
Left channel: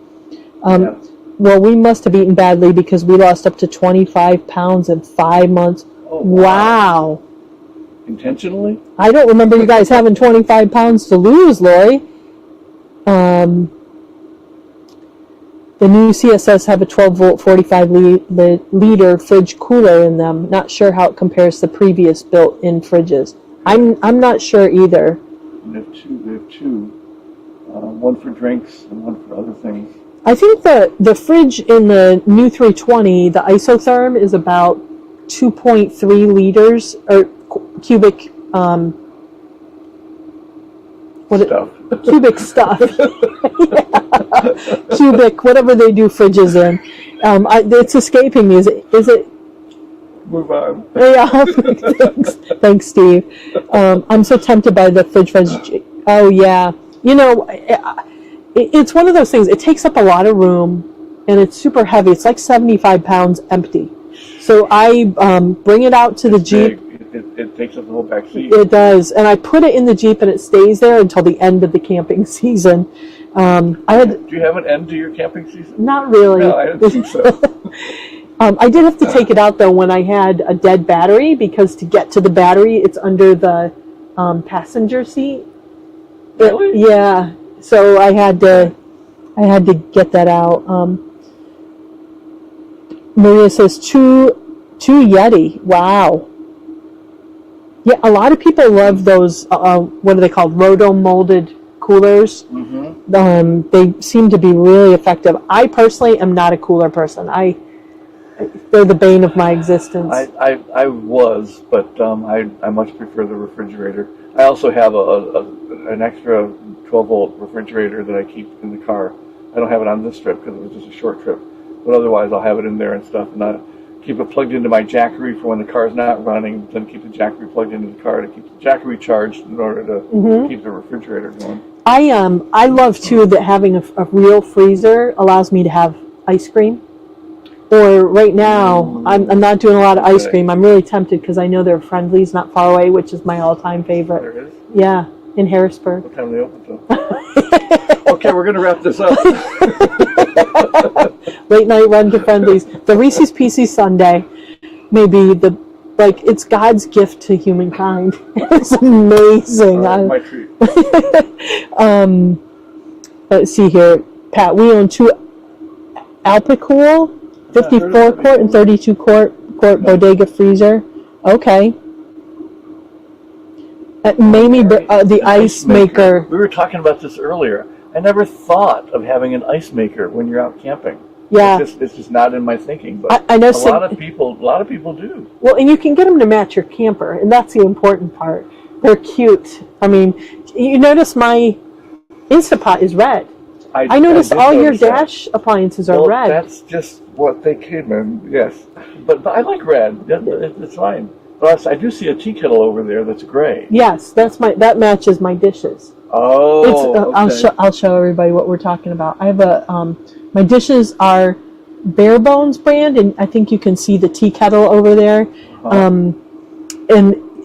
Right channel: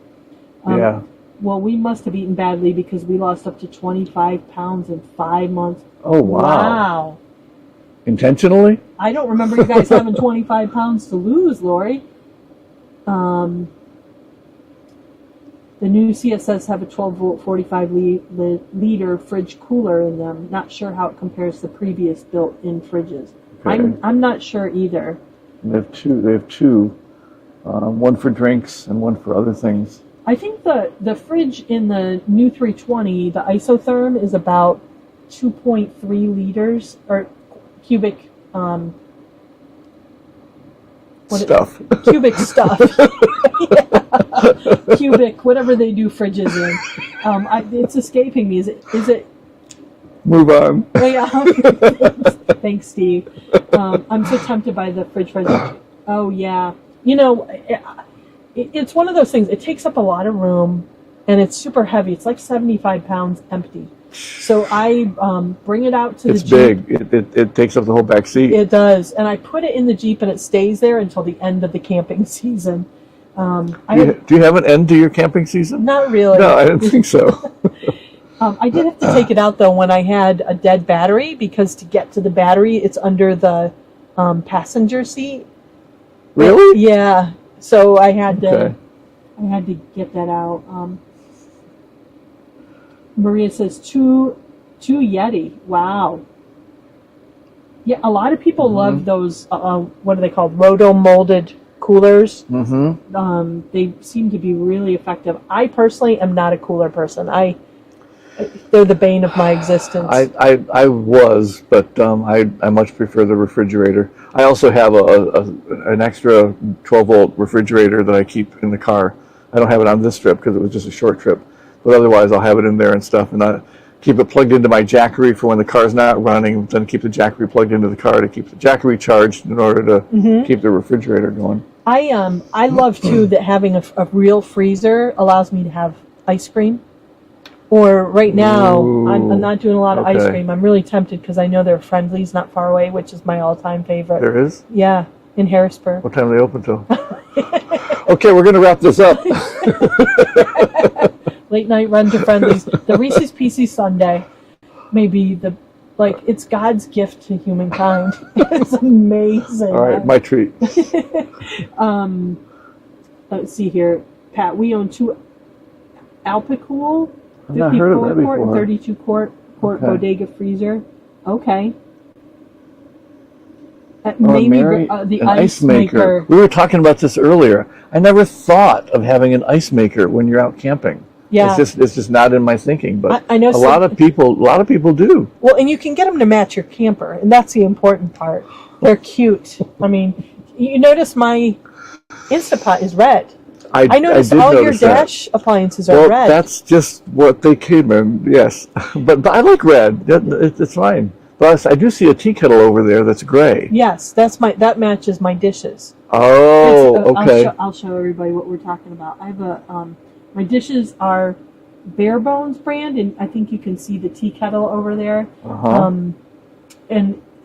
Well, we must have eaten badly because we lost up to 25 pounds in 5 months. Oh, wow. Intentionally? I don't remember you guys having 25 pounds to lose, Lori. The new CSS have a 12-volt, 45-liter fridge cooler in them. Not sure how it compares to previous built-in fridges. I'm not sure either. They have two. one for drinks and one for other things. I think the fridge in the new 320, the isotherm, is about 2.3 liters or cubic Stuff. Cubic stuff. Yeah. Cubic, whatever they do fridges in. It's escaping me. Is it? Move on. Yeah. Thanks, Steve. I'm so tempted by the fridge. Oh yeah. You know, it's one of those things. It takes up a lot of room, and it's super heavy. It's like 75 pounds empty. So I bring it out to the Jeep. Big. It takes up the whole back seat. It does, and I put it in the Jeep, and it stays there until the end of the camping season. Do you have an end to your camping season? Not really. No, I didn't think so. I did have to take it out though when I had a dead battery, because to get to the battery, it's under the passenger seat. Really? Yeah. So I had to get that out. Maria says two Yeti. Wow. Yeah, a lot of people love those. What are they called? Rodomolded coolers. Mm-hmm. They seem to be really effective. I personally am not a cooler person. They're the bane of my existence. I was, but I much prefer the refrigerator. I also have an extra 12-volt refrigerator that I keep in the car. I don't have it on this trip because it was just a short trip, but otherwise I'll have it in there and stuff, and I keep it plugged into my Jackery for when the car's not running, then keep the Jackery plugged into the car to keep the Jackery charged in order to keep the refrigerator going. I love too that having a real freezer allows me to have ice cream. Or right now, I'm not doing a lot of ice cream. I'm really tempted because I know there are Friendlies not far away, which is my all-time favorite. There is? Yeah, in Harrisburg. What time are they open till? Okay, we're going to wrap this up. Late night run to Friendlies. The Reese's Pieces Sundae may be it's God's gift to humankind. It's amazing. All right, my treat. Let's see here. Pat, we own 2 Alpicool 54 quart and 32 quart bodega freezer. Okay. Mamie, the ice maker. We were talking about this earlier. I never thought of having an ice maker when you're out camping. Yeah. It's just not in my thinking, but I know a lot of people do. Well, and you can get them to match your camper, and that's the important part. They're cute. I mean, you notice my Insta Pot is red. I noticed all your Dash appliances are red. That's just what they came in, yes. But I like red. It's fine. But I do see a tea kettle over there that's gray. Yes, that matches my dishes. Oh, okay. I'll show everybody what we're talking about. I have my dishes are Bare Bones brand, and I think you can see the tea kettle over there. And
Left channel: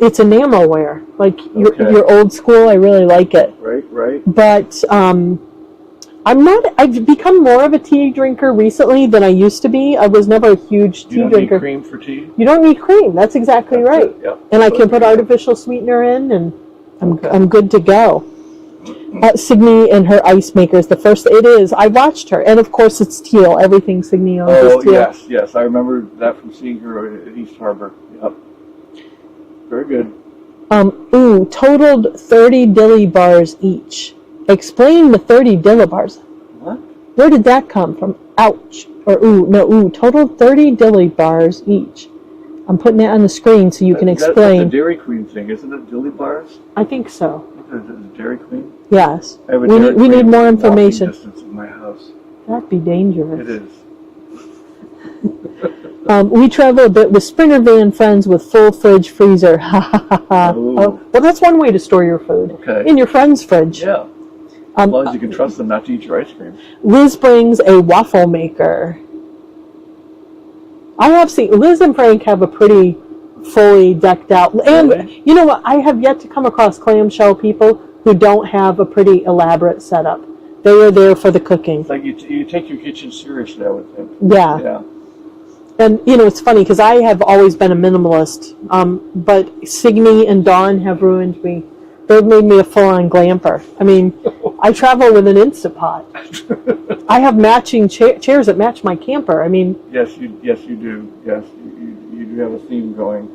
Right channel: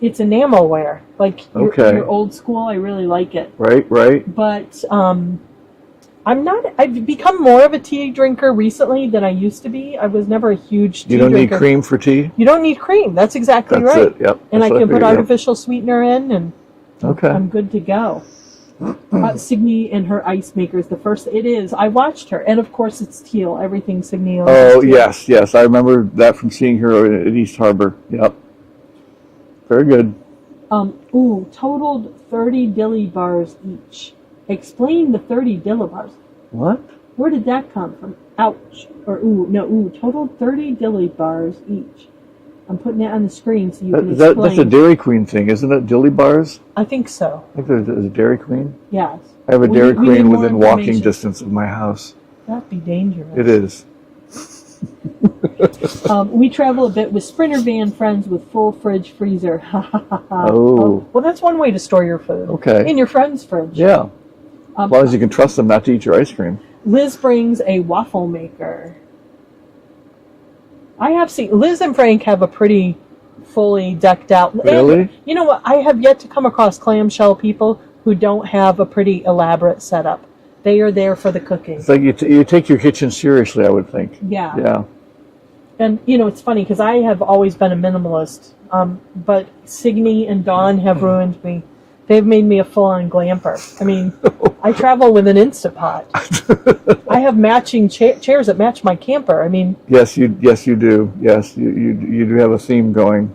it's enamelware, like your old school. I really like it. Right. But I've become more of a tea drinker recently than I used to be. I was never a huge tea drinker. You don't need cream for tea? You don't need cream. That's exactly right. It, yep. And I can put artificial sweetener in, and I'm good to go. Signe and her ice maker is the first. It is. I watched her, and of course it's teal. Everything Signe owns is teal. Yes. I remember that from seeing her at East Harbor. Yep. Very good. Totaled 30 Dilly Bars each. Explain the 30 Dilly Bars. What? Where did that come from? Ouch. Totaled 30 Dilly Bars each. I'm putting that on the screen so you can explain. That's a Dairy Queen thing, isn't it? Dilly Bars? I think so. I think there's a Dairy Queen. Yes. I have a Dairy Queen need more within walking information. distance of my house. That'd be dangerous. It is. We travel a bit with Springer van friends with full fridge freezer. Oh. Well, that's one way to store your food. Okay. In your friend's fridge. Yeah. As long as you can trust them not to eat your ice cream. Liz brings a waffle maker. I have seen Liz and Frank have a pretty fully decked out. Really? And you know what? I have yet to come across clamshell people who don't have a pretty elaborate setup. They are there for the cooking. It's like you take your kitchen seriously, I would think. Yeah. Yeah. And, it's funny because I have always been a minimalist, but Signe and Dawn have ruined me. They've made me a full-on glamper. I mean, I travel with an Insta Pot. I have matching chairs that match my camper. I mean... Yes, you do. Yes, you do have a theme going.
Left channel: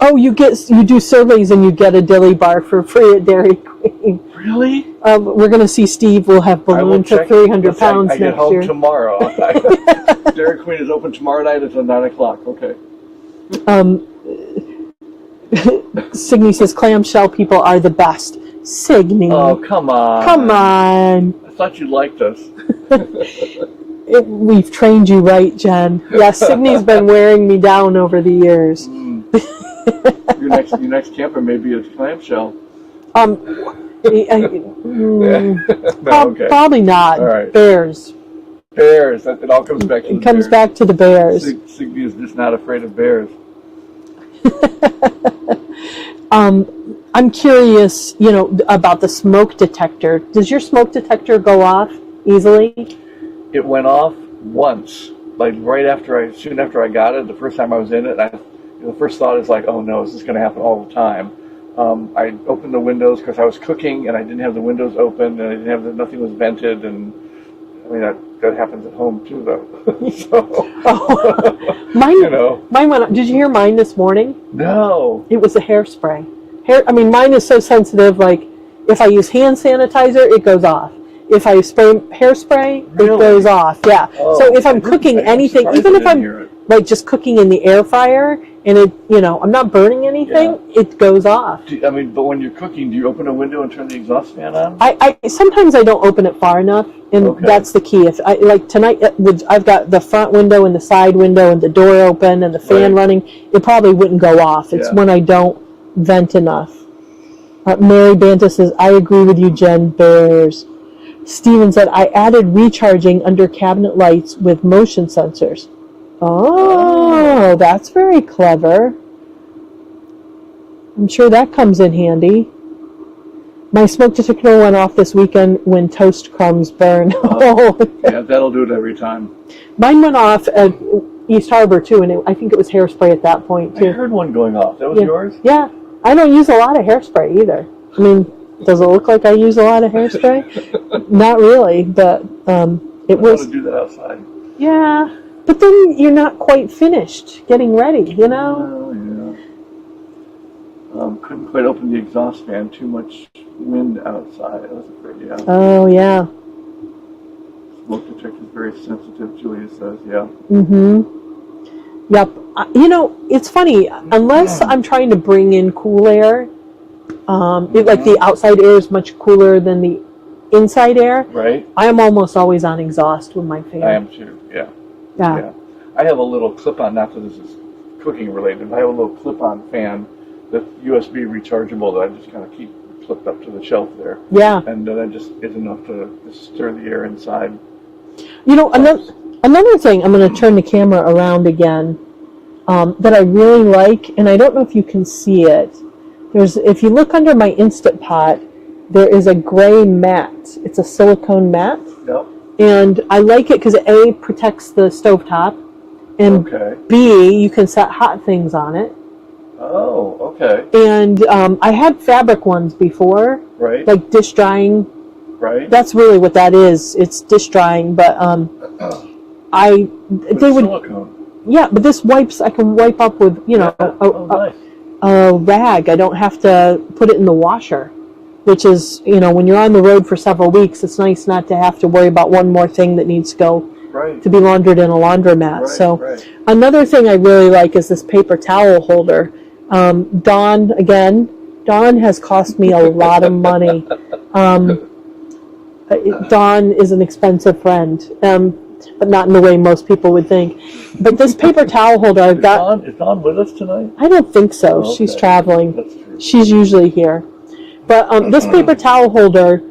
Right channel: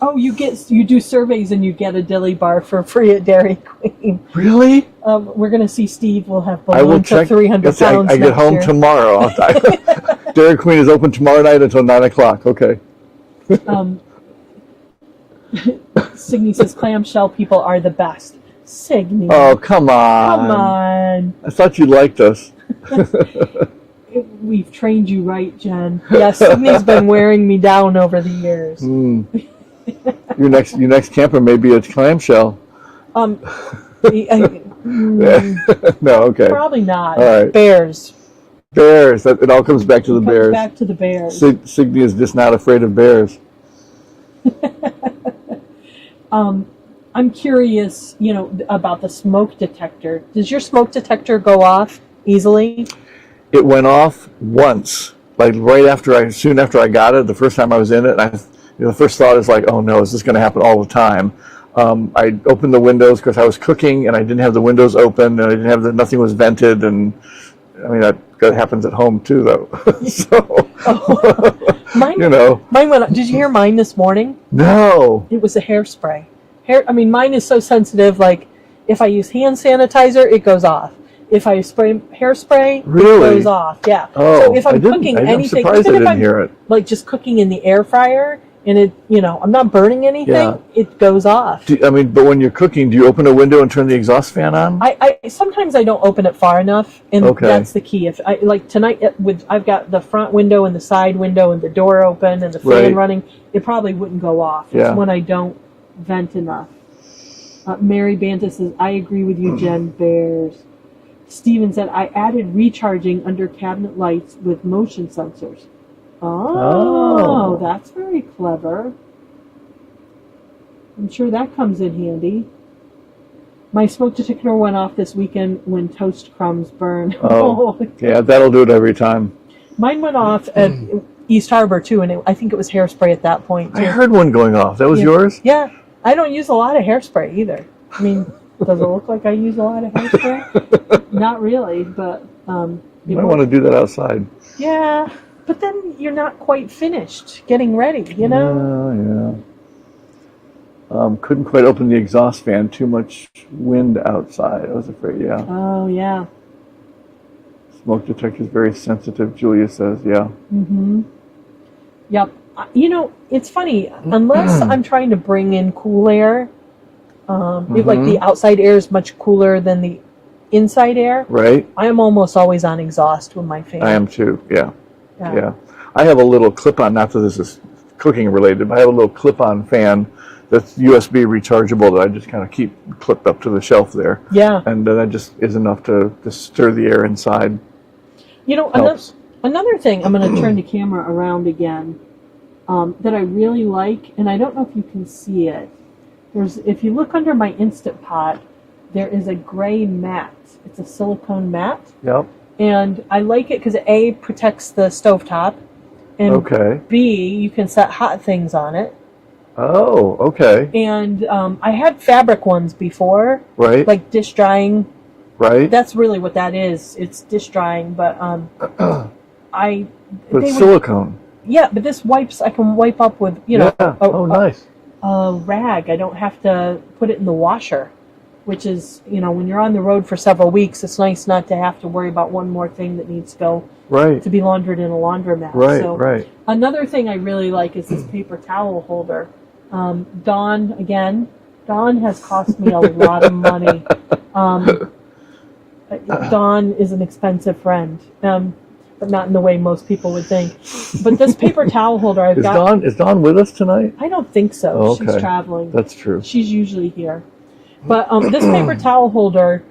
Oh, you do surveys and you get a Dilly Bar for free at Dairy Queen. Really? We're going to see Steve will have I will ballooned to check. 300 pounds I get next home year. tomorrow. Dairy Queen is open tomorrow night until 9 o'clock. Okay. Signe says clamshell people are the best. Signe. Oh, come on. Come on. I thought you liked us. We've trained you right, Jen. Yes, Signe's been wearing me down over the years. Your next camper may be a clamshell. No, okay. Probably not. All right. Bears. Bears. It all comes back to the bears. Comes back to the bears. Signe is just not afraid of bears. I'm curious, about the smoke detector. Does your smoke detector go off easily? It went off once, like soon after I got it. The first time I was in it, the first thought is like, oh no, is this going to happen all the time? I opened the windows because I was cooking and I didn't have the windows open and I didn't have nothing was vented, and I mean that happens at home too, though. So, mine went. Did you hear mine this morning? No. It was a hairspray. Mine is so sensitive. Like if I use hand sanitizer, it goes off. If I spray hairspray, Really? it goes off. Yeah. Oh, so if I'm cooking anything, even if I'm like just cooking in the air fryer and I'm not burning anything, it goes off. But when you're cooking, do you open a window and turn the exhaust fan on? I sometimes I don't open it far enough, and that's the key. If I like tonight, I've got the front window and the side window and the door open and the fan running, it probably wouldn't go off. It's when I don't vent enough. Mary Banta says, I agree with you, Jen. Bears. Steven said, I added recharging under cabinet lights with motion sensors. Oh, that's very clever. I'm sure that comes in handy. My smoke detector went off this weekend when toast crumbs burn. Yeah, that'll do it every time. Mine went off at East Harbor, too, and I think it was hairspray at that point, too. I heard one going off. That was yours? Yeah. I don't use a lot of hairspray, either. I mean, does it look like I use a lot of hairspray? Not really, but I want to do that outside. Yeah, but then you're not quite finished getting ready, Yeah. Couldn't quite open the exhaust fan. Too much wind outside. I was afraid, yeah. Oh, yeah. Smoke detector is very sensitive, Julia says, yeah. Mm-hmm. Yep. It's funny. Unless I'm trying to bring in cool air, like the outside air is much cooler than the inside air. Right. I am almost always on exhaust with my fan. I am too, yeah. I have a little clip-on, not that this is cooking related, but I have a little clip-on fan that's USB rechargeable that I just kind of keep clipped up to the shelf there. Yeah. And that just is enough to stir the air inside. Another thing, I'm going to turn the camera around again, that I really like, and I don't know if you can see it. If you look under my Insta Pot, there is a gray mat. It's a silicone mat. Yep. And I like it because A, protects the stovetop, and B, you can set hot things on it. Oh, okay. And I had fabric ones before. Right. Like dish drying. Right. That's really what that is. It's dish drying, but silicone. Yeah, but this wipes. I can wipe up with nice. A rag. I don't have to put it in the washer, which is when you're on the road for several weeks, it's nice not to have to worry about one more thing that needs to go to be laundered in a laundromat. Right. Another thing I really like is this paper towel holder. Dawn has cost me a lot of money. Dawn is an expensive friend, but not in the way most people would think. But this paper towel holder Is Dawn with us tonight? I don't think so. Oh, okay. She's traveling. That's true. She's usually here. But this paper towel holder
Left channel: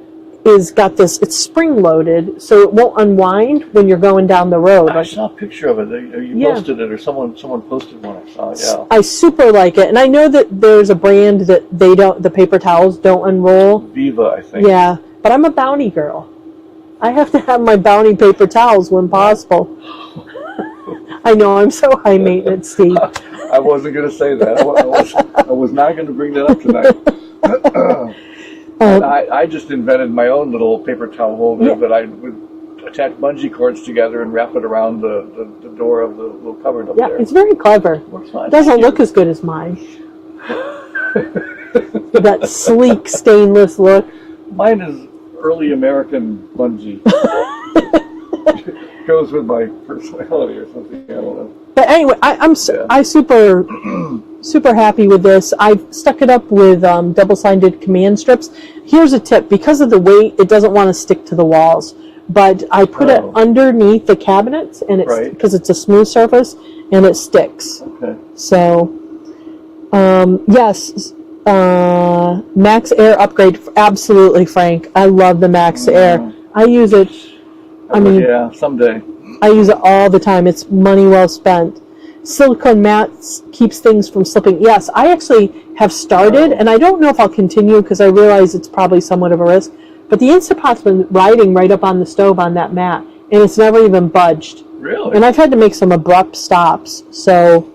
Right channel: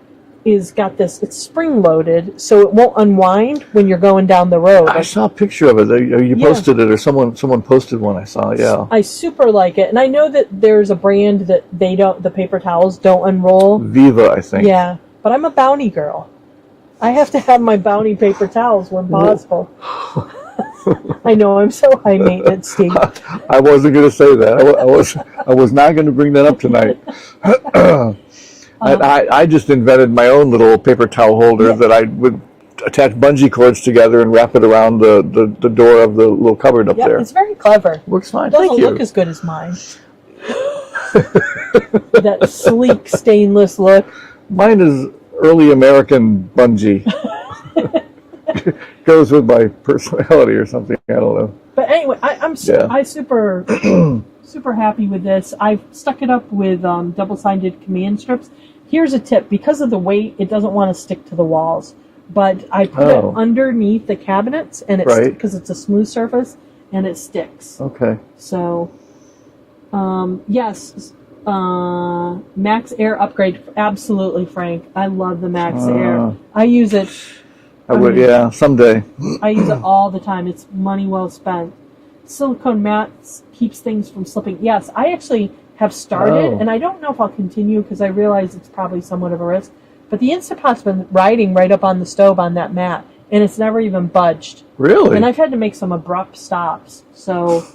it's spring loaded, so it won't unwind when you're going down the road. I saw a picture of it. You posted it, or someone posted one. I saw. Yeah. I super like it, and I know that there's a brand that the paper towels don't unroll. Viva, I think. Yeah, but I'm a Bounty girl. I have to have my Bounty paper towels when possible. I know, I'm so high maintenance, Steve. I wasn't going to say that. I was not going to bring that up tonight. I just invented my own little paper towel holder that attach bungee cords together and wrap it around the door of the little cupboard up there. Yeah, it's very clever. Works fine. Doesn't look as good as mine. That sleek stainless look. Mine is early American bungee. Goes with my personality or something. I don't know. But anyway, I'm super super happy with this. I've stuck it up with double-sided command strips. Here's a tip: because of the weight, it doesn't want to stick to the walls. But I put it underneath the cabinets, and it's because it's a smooth surface, and it sticks. Okay. So, yes, Max Air upgrade, absolutely, Frank. I love the Max Air. I use it. Yeah, someday. I use it all the time. It's money well spent. Silicone Mat keeps things from slipping. Yes, I actually have started, and I don't know if I'll continue because I realize it's probably somewhat of a risk. But the Insta Pot's been riding right up on the stove on that mat, and it's never even budged. Really? And I've had to make some abrupt stops. So,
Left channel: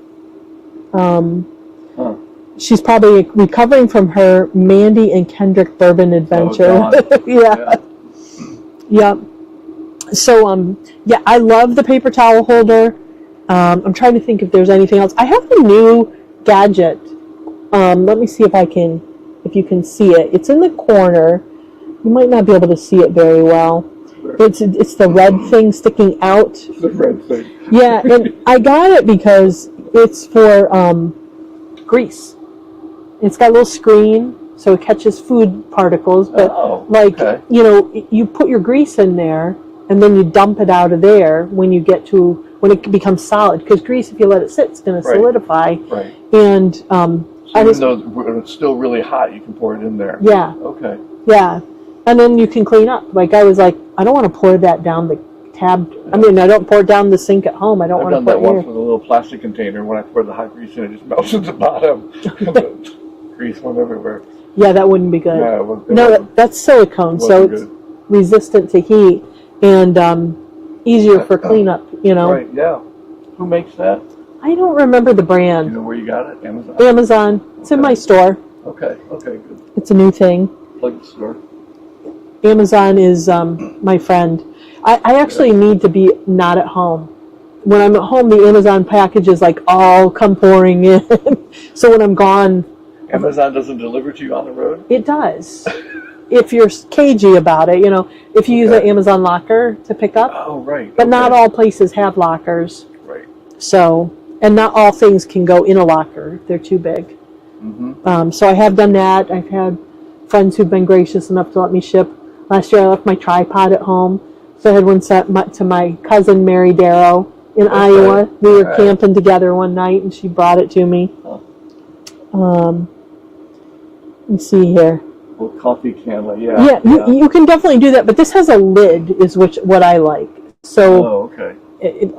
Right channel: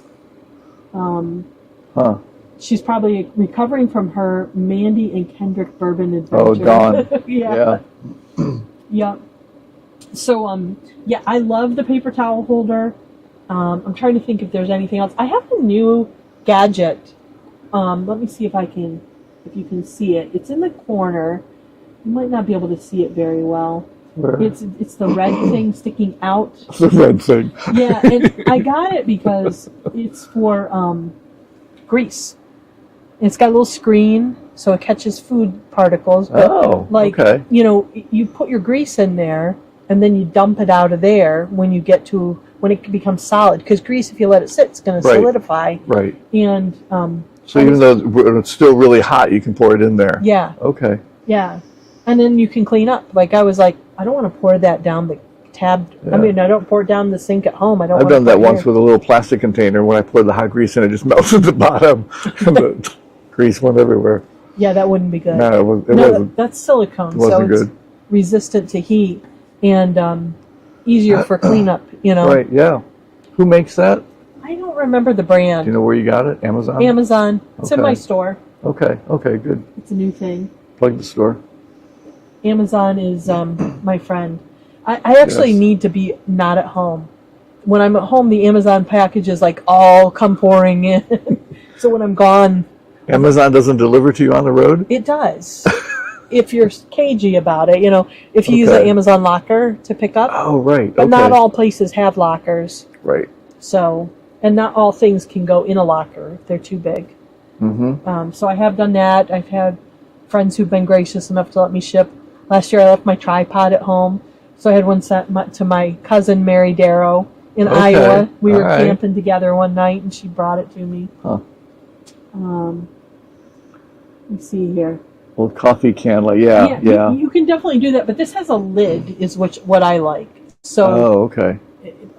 she's probably recovering from her Mandy and Kendrick bourbon adventure. Oh, yeah. Yep. So, yeah, I love the paper towel holder. I'm trying to think if there's anything else. I have a new gadget. Let me see if you can see it. It's in the corner. You might not be able to see it very well. It's the red thing sticking out. The red thing. Yeah, and I got it because it's for grease. It's got a little screen, so it catches food particles. But you put your grease in there, and then you dump it out of there when it becomes solid. Because grease, if you let it sit, it's going to solidify. Right. And so even though it's still really hot, you can pour it in there. Yeah. Okay. Yeah. And then you can clean up. Like I was like, I don't want to pour that down the tab. Yeah. I mean, I don't pour it down the sink at home. I've done that once with a little plastic container. When I poured the hot grease in, it just melted the bottom. And the grease went everywhere. Yeah, that wouldn't be good. No, wasn't. That's silicone, so it's resistant to heat and easier for cleanup. Right? Yeah. Who makes that? I don't remember the brand. Do you know where you got it? Amazon. Amazon. It's in my store. Okay. Okay. Good. It's a new thing. Plug the store. Amazon is my friend. I actually need to be not at home. When I'm at home, the Amazon packages all come pouring in. So when I'm gone, Amazon doesn't deliver to you on the road? It does. If you're cagey about it, if you use an Amazon locker to pick up. Oh, right. But not all places have lockers. Right. So, and not all things can go in a locker if they're too big. Mm-hmm. So I have done that. I've had friends who've been gracious enough to let me ship. Last year I left my tripod at home. So I had one sent to my cousin Mary Darrow in Iowa. We were camping together one night and she brought it to me. Huh. Let's see here. Well, coffee can, yeah. You can definitely do that, but this has a lid, is what I like. So,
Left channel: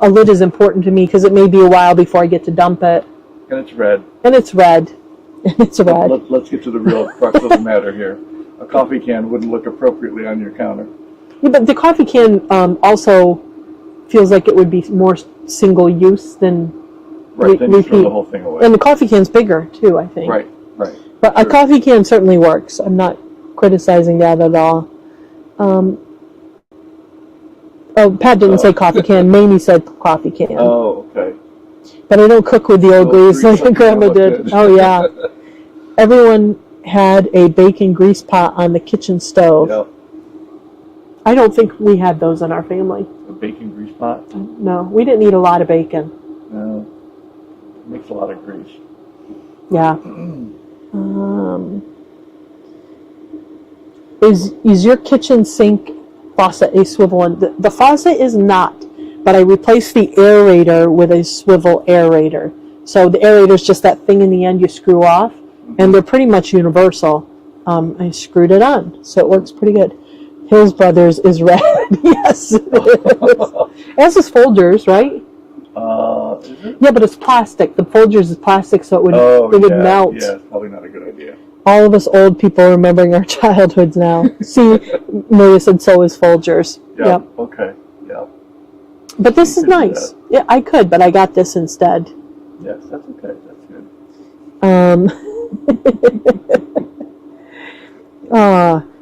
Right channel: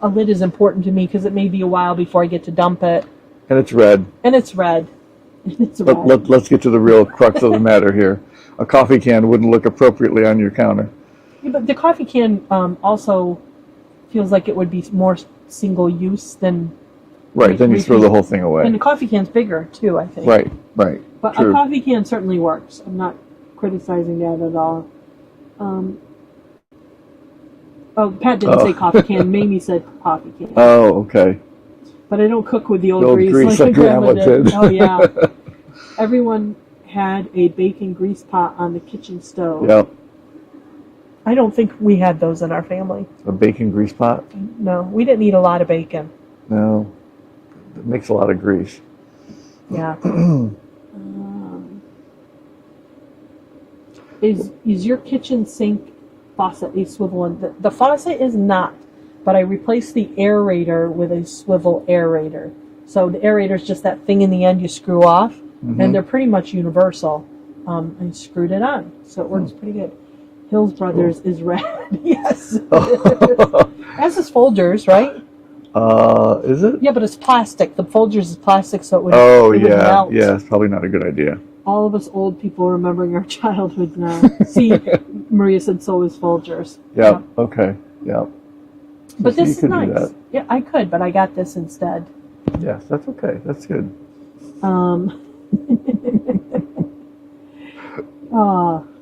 a lid is important to me because it may be a while before I get to dump it. And it's red. Let's get to the real crux of the matter here. A coffee can wouldn't look appropriately on your counter. Yeah, but the coffee can also feels like it would be more single use than. Right, then you throw the whole thing away. And the coffee can's bigger too, I think. Right. But a coffee can certainly works. I'm not criticizing that at all. Pat didn't say coffee can. Mamie said coffee can. Oh, okay. But I don't cook with the old grease like Grandma did. Oh, yeah. Everyone had a bacon grease pot on the kitchen stove. Yep. I don't think we had those in our family. A bacon grease pot? No, we didn't eat a lot of bacon. No. It makes a lot of grease. Yeah. Is your kitchen sink faucet a swivel one? The faucet is not, but I replaced the aerator with a swivel aerator. So the aerator is just that thing in the end you screw off, and they're pretty much universal. I screwed it on, so it works pretty good. Hills Brothers is red. Yes. It has its Folgers, right? Is it? Yeah, but it's plastic. The Folgers is plastic, so it would melt. Yeah, it's probably not a good idea. All of us old people remembering our childhoods now. See, Maria said so is Folgers. Yep. Okay. Yeah. But this is nice. Yeah, I could, but I got this instead. Yes, that's okay. That's good.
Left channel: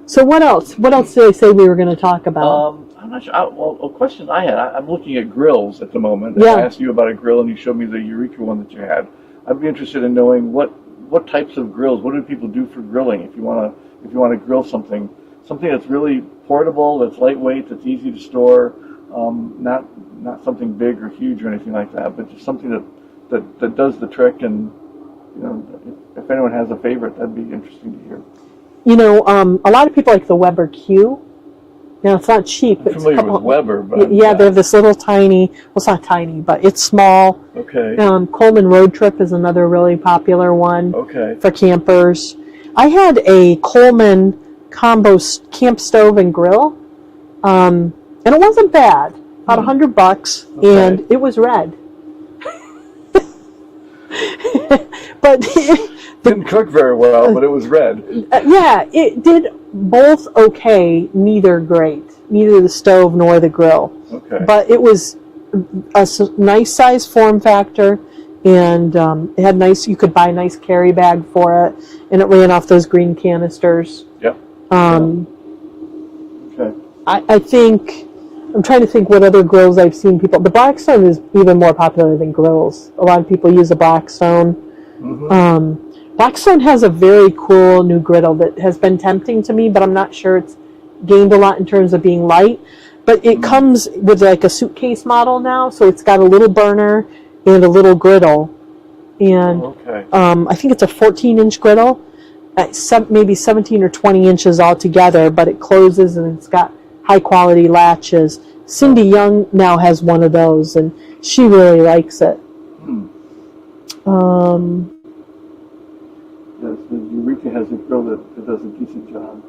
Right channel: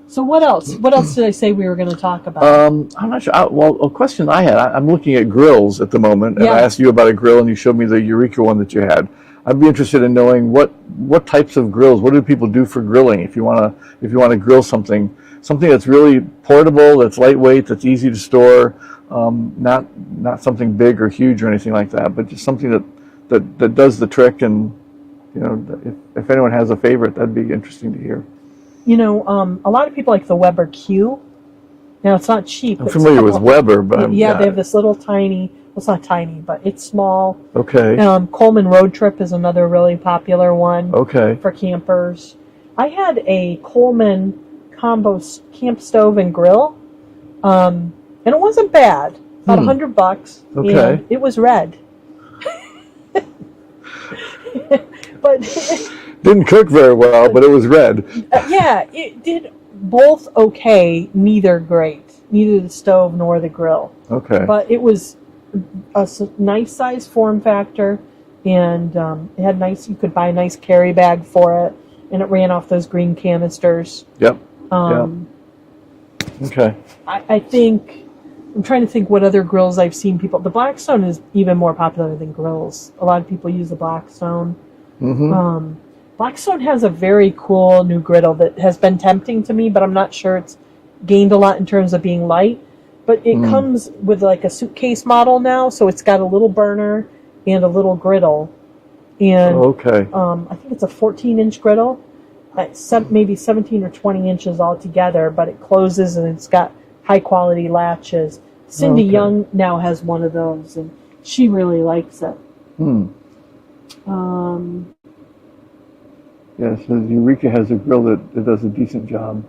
So what else? What else did I say we were going to talk about? I'm not sure. Well, a question I had, I'm looking at grills at the moment, and Yeah. I asked you about a grill, and you showed me the Eureka one that you had. I'd be interested in knowing what types of grills, what do people do for grilling? If you want to grill something that's really portable, that's lightweight, that's easy to store, not something big or huge or anything like that, but just something that does the trick. And if anyone has a favorite, that'd be interesting to hear. A lot of people like the Weber Q. Now, it's not cheap. I'm familiar with Weber, but yeah, they're this little tiny, well, it's not tiny, but it's small. Okay. Coleman Road Trip is another really popular one. Okay. For campers. I had a Coleman combo camp stove and grill, and it wasn't bad. About $100, Okay. and it was red. But didn't cook very well, but it was red. yeah, it did both okay, neither great. Neither the stove nor the grill. Okay. But it was a nice size form factor, and it had you could buy a nice carry bag for it, and it ran off those green canisters. Yep. Okay. I think, I'm trying to think what other grills I've seen people, the Blackstone is even more popular than grills. A lot of people use a Blackstone. Mm-hmm. Blackstone has a very cool new griddle that has been tempting to me, but I'm not sure it's gained a lot in terms of being light. But it comes with like a suitcase model now, so it's got a little burner and a little griddle. And okay. I think it's a 14-inch griddle, at maybe 17 or 20 inches altogether, but it closes and it's got high-quality latches. Cindy Young now has one of those, and she really likes it. Yeah, so Eureka has a grill that does a decent job.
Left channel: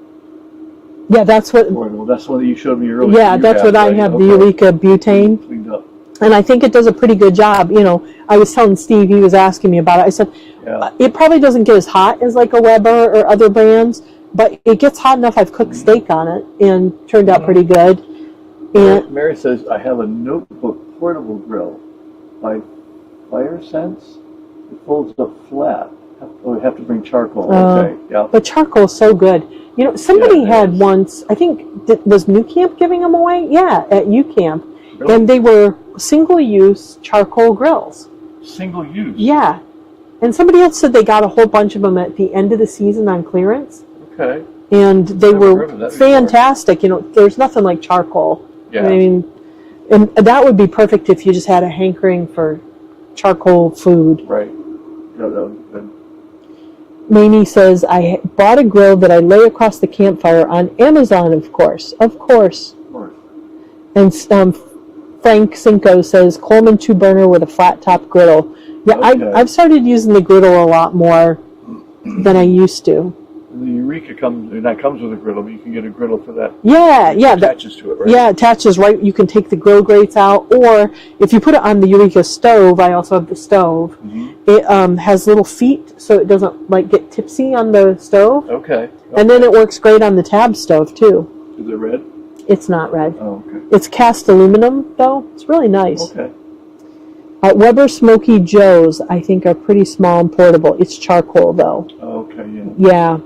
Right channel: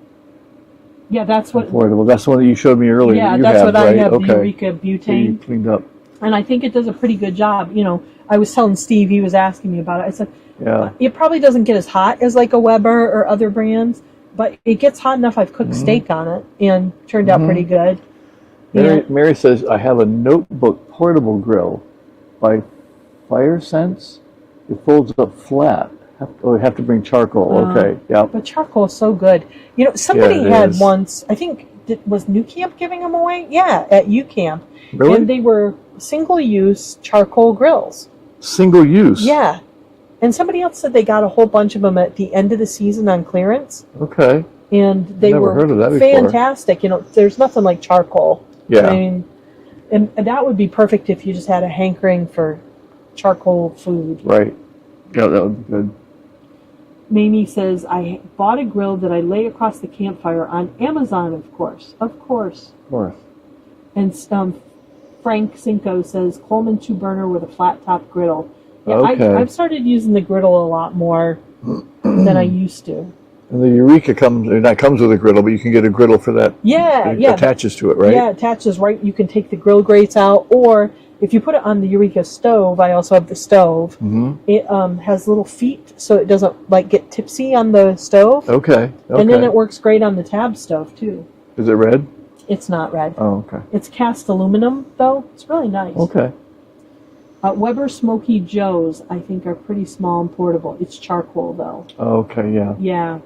Yeah, that's what. Portable. That's the one that you showed me earlier. Yeah, that's what I have. The Eureka butane. Cleaned up. And I think it does a pretty good job. I was telling Steve, he was asking me about it. I said, it probably doesn't get as hot as like a Weber or other brands, but it gets hot enough. I've cooked steak on it and turned out pretty good. Mary says, I have a notebook portable grill by Fire Sense. It folds up flat. I have to bring charcoal. Okay, yeah. But charcoal's so good. Somebody had is. once, I think, was New Camp giving them away? Yeah, at U Camp. Really? And they were single-use charcoal grills. Single use? Yeah. And somebody else said they got a whole bunch of them at the end of the season on clearance. Okay. And they Never were heard of that before. fantastic. There's nothing like charcoal. Yeah. I mean, and that would be perfect if you just had a hankering for charcoal food. Right. Yeah, that would be good. Mamie says, I bought a grill that I lay across the campfire on Amazon, of course. Of course. Of course. And Frank Cinco says, Coleman 2-burner with a flat-top griddle. Yeah, Okay. I've started using the griddle a lot more than I used to. And the Eureka comes with a griddle, but you can get a griddle for that. Yeah, It yeah. attaches to it, right? Yeah, it attaches right. You can take the grill grates out, or if you put it on the Eureka stove, I also have the stove. It has little feet, so it doesn't get tipsy on the stove. Okay. And then it works great on the tab stove too. Is it red? It's not red. Oh, okay. It's cast aluminum though. It's really nice. Okay. Weber Smoky Joe's, I think, are pretty small and portable. It's charcoal though. Okay, yeah. Yeah.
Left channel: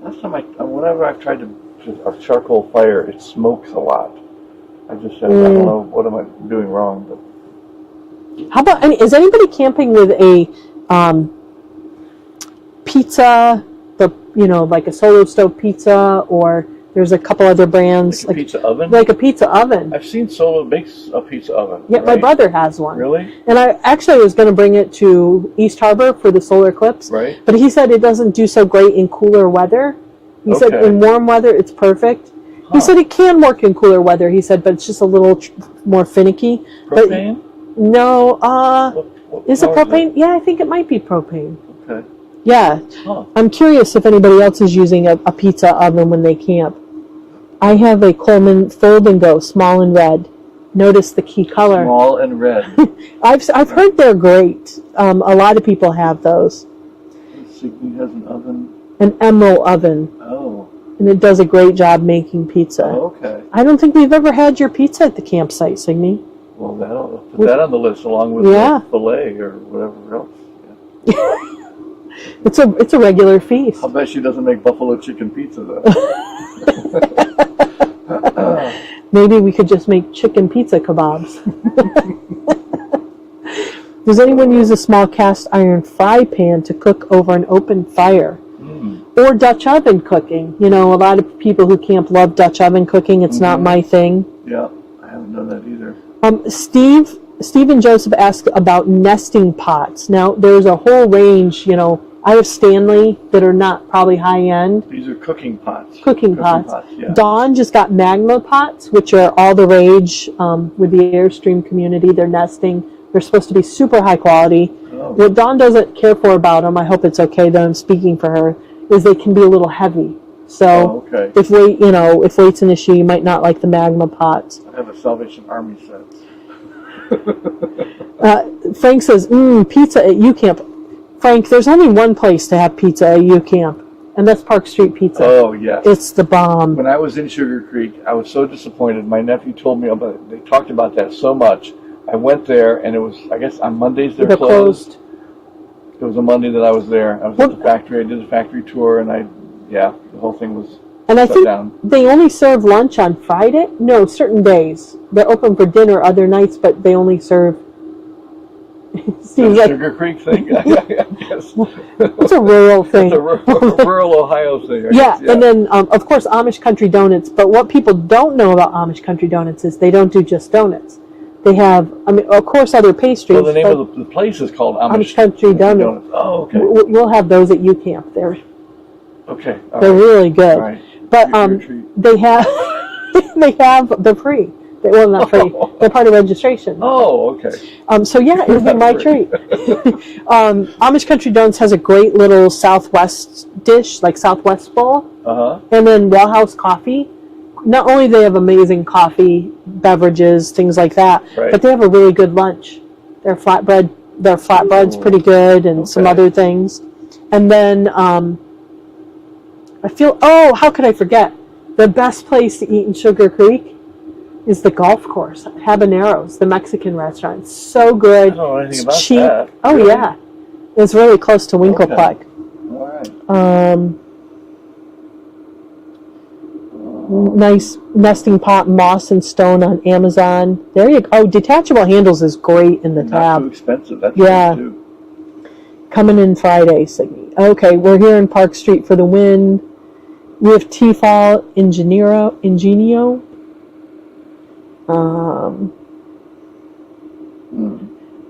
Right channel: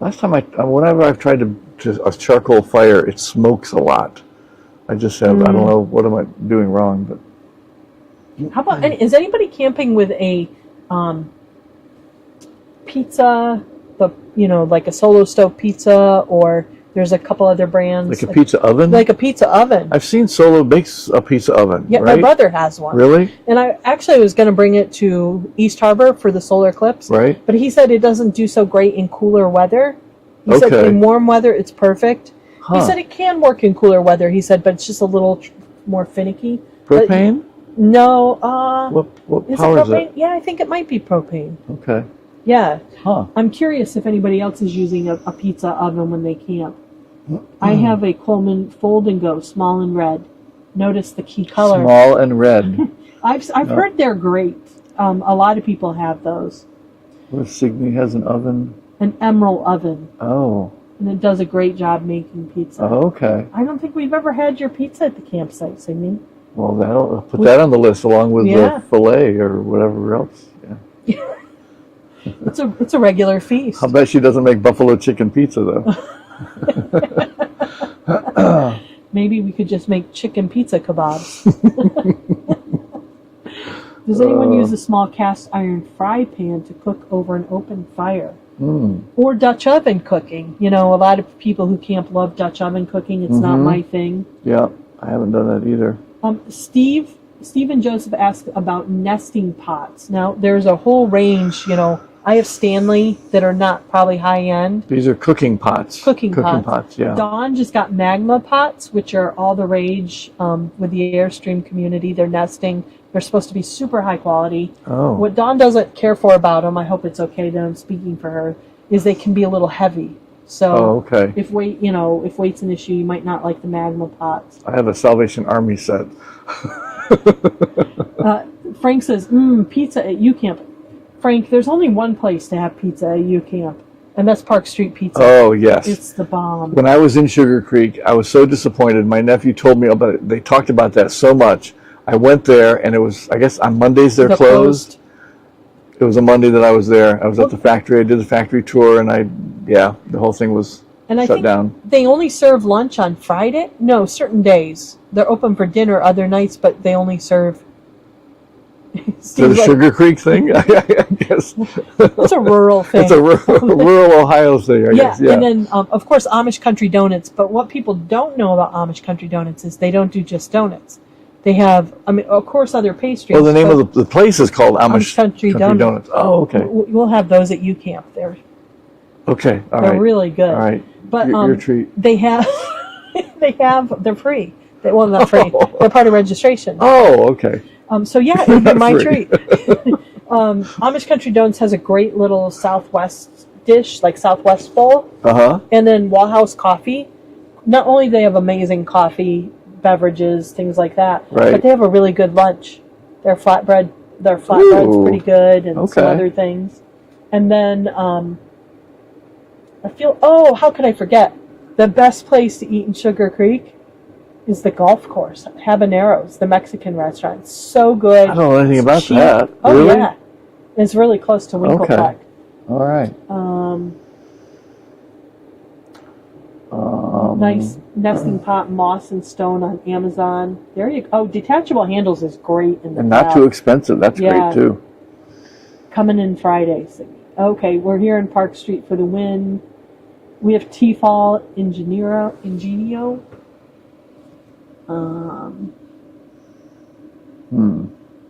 Last time whenever I've tried a charcoal fire, it smokes a lot. I just said, I don't know, what am I doing wrong? But How about, is anybody camping with a pizza, like a solo stove pizza, or there's a couple other brands. Like a pizza oven? Like a pizza oven. I've seen Solo makes a pizza oven. Yeah, right? my brother has one. Really? And I was going to bring it to East Harbor for the solar eclipse. Right. But he said it doesn't do so great in cooler weather. He said in warm weather it's perfect. He said it can work in cooler weather. He said, but it's just a little more finicky. Propane? But, no. What is it power propane? Yeah, I think it might be propane. Okay. Yeah. Huh. I'm curious if anybody else is using a pizza oven when they camp. I have a Coleman Fold and Go, small and red. Notice the key color. Small and red. I've heard they're great. A lot of people have those. Signy has an oven. An emerald oven. Oh. And it does a great job making pizza. Oh, okay. I don't think we've ever had your pizza at the campsite, Signy. Well, put that on the list along with the filet or whatever else. Yeah. It's a regular feast. I'll bet she doesn't make buffalo chicken pizza, though. Maybe we could just make chicken pizza kebabs. Does anyone use a small cast iron fry pan to cook over an open fire? Or Dutch oven cooking? You know, a lot of people who camp love Dutch oven cooking. It's not my thing. Yeah, I haven't done that either. Steve and Joseph asked about nesting pots. Now, there's a whole range, you know. I have Stanley that are not probably high end. These are cooking pots. Cooking pots, yeah. Dawn just got magma pots, which are all the rage with the Airstream community. They're nesting. They're supposed to be super high quality. Oh. What Dawn doesn't care for about them, I hope it's okay that I'm speaking for her, is they can be a little heavy. So if weight's an issue, you might not like the magma pots. I have a Salvation Army set. Frank says, pizza at U Camp. Frank, there's only one place to have pizza at U Camp, and that's Park Street Pizza. Oh, yes. It's the bomb. When I was in Sugar Creek, I was so disappointed. My nephew told me about it. They talked about that so much. I went there, and it was, I guess, on Mondays they're closed. It was a Monday that I was there. I was at the factory. I did the factory tour, and the whole thing was shut down. They only serve lunch on Friday? No, certain days. They're open for dinner other nights, but they only serve... The Sugar Creek thing? I guess. It's a rural thing. It's a rural Ohio thing, I guess. Yeah, and then, of course, Amish Country Donuts. But what people don't know about Amish Country Donuts is they don't do just donuts. They have, of course, other pastries. Well, the name of the place is called Amish Country Donuts. Oh, okay. We'll have those at U Camp. They're They're really good. All right. But your treat. they're free. Well, not free. They're part of registration. Oh, okay. So yeah, it would be my treat. Amish Country Donuts has a great little Southwest dish, like Southwest bowl. And then Raw House Coffee. Not only do they have amazing coffee, beverages, things like that, but they have a really good lunch. Their flatbread's pretty good, and some other things. And then how could I forget? The best place to eat in Sugar Creek is the golf course, Habaneros, the Mexican restaurant. It's so good. I don't know anything about cheap. that. Oh, really? yeah. It's really close to Winklepleck. Okay. All right. Nice nesting pot, moss and stone on Amazon. There you go. Oh, detachable handles is great in the not too expensive. That's great, too. Coming in Friday. Okay, we're here in Park Street for the win. We have Tefal Ingenio.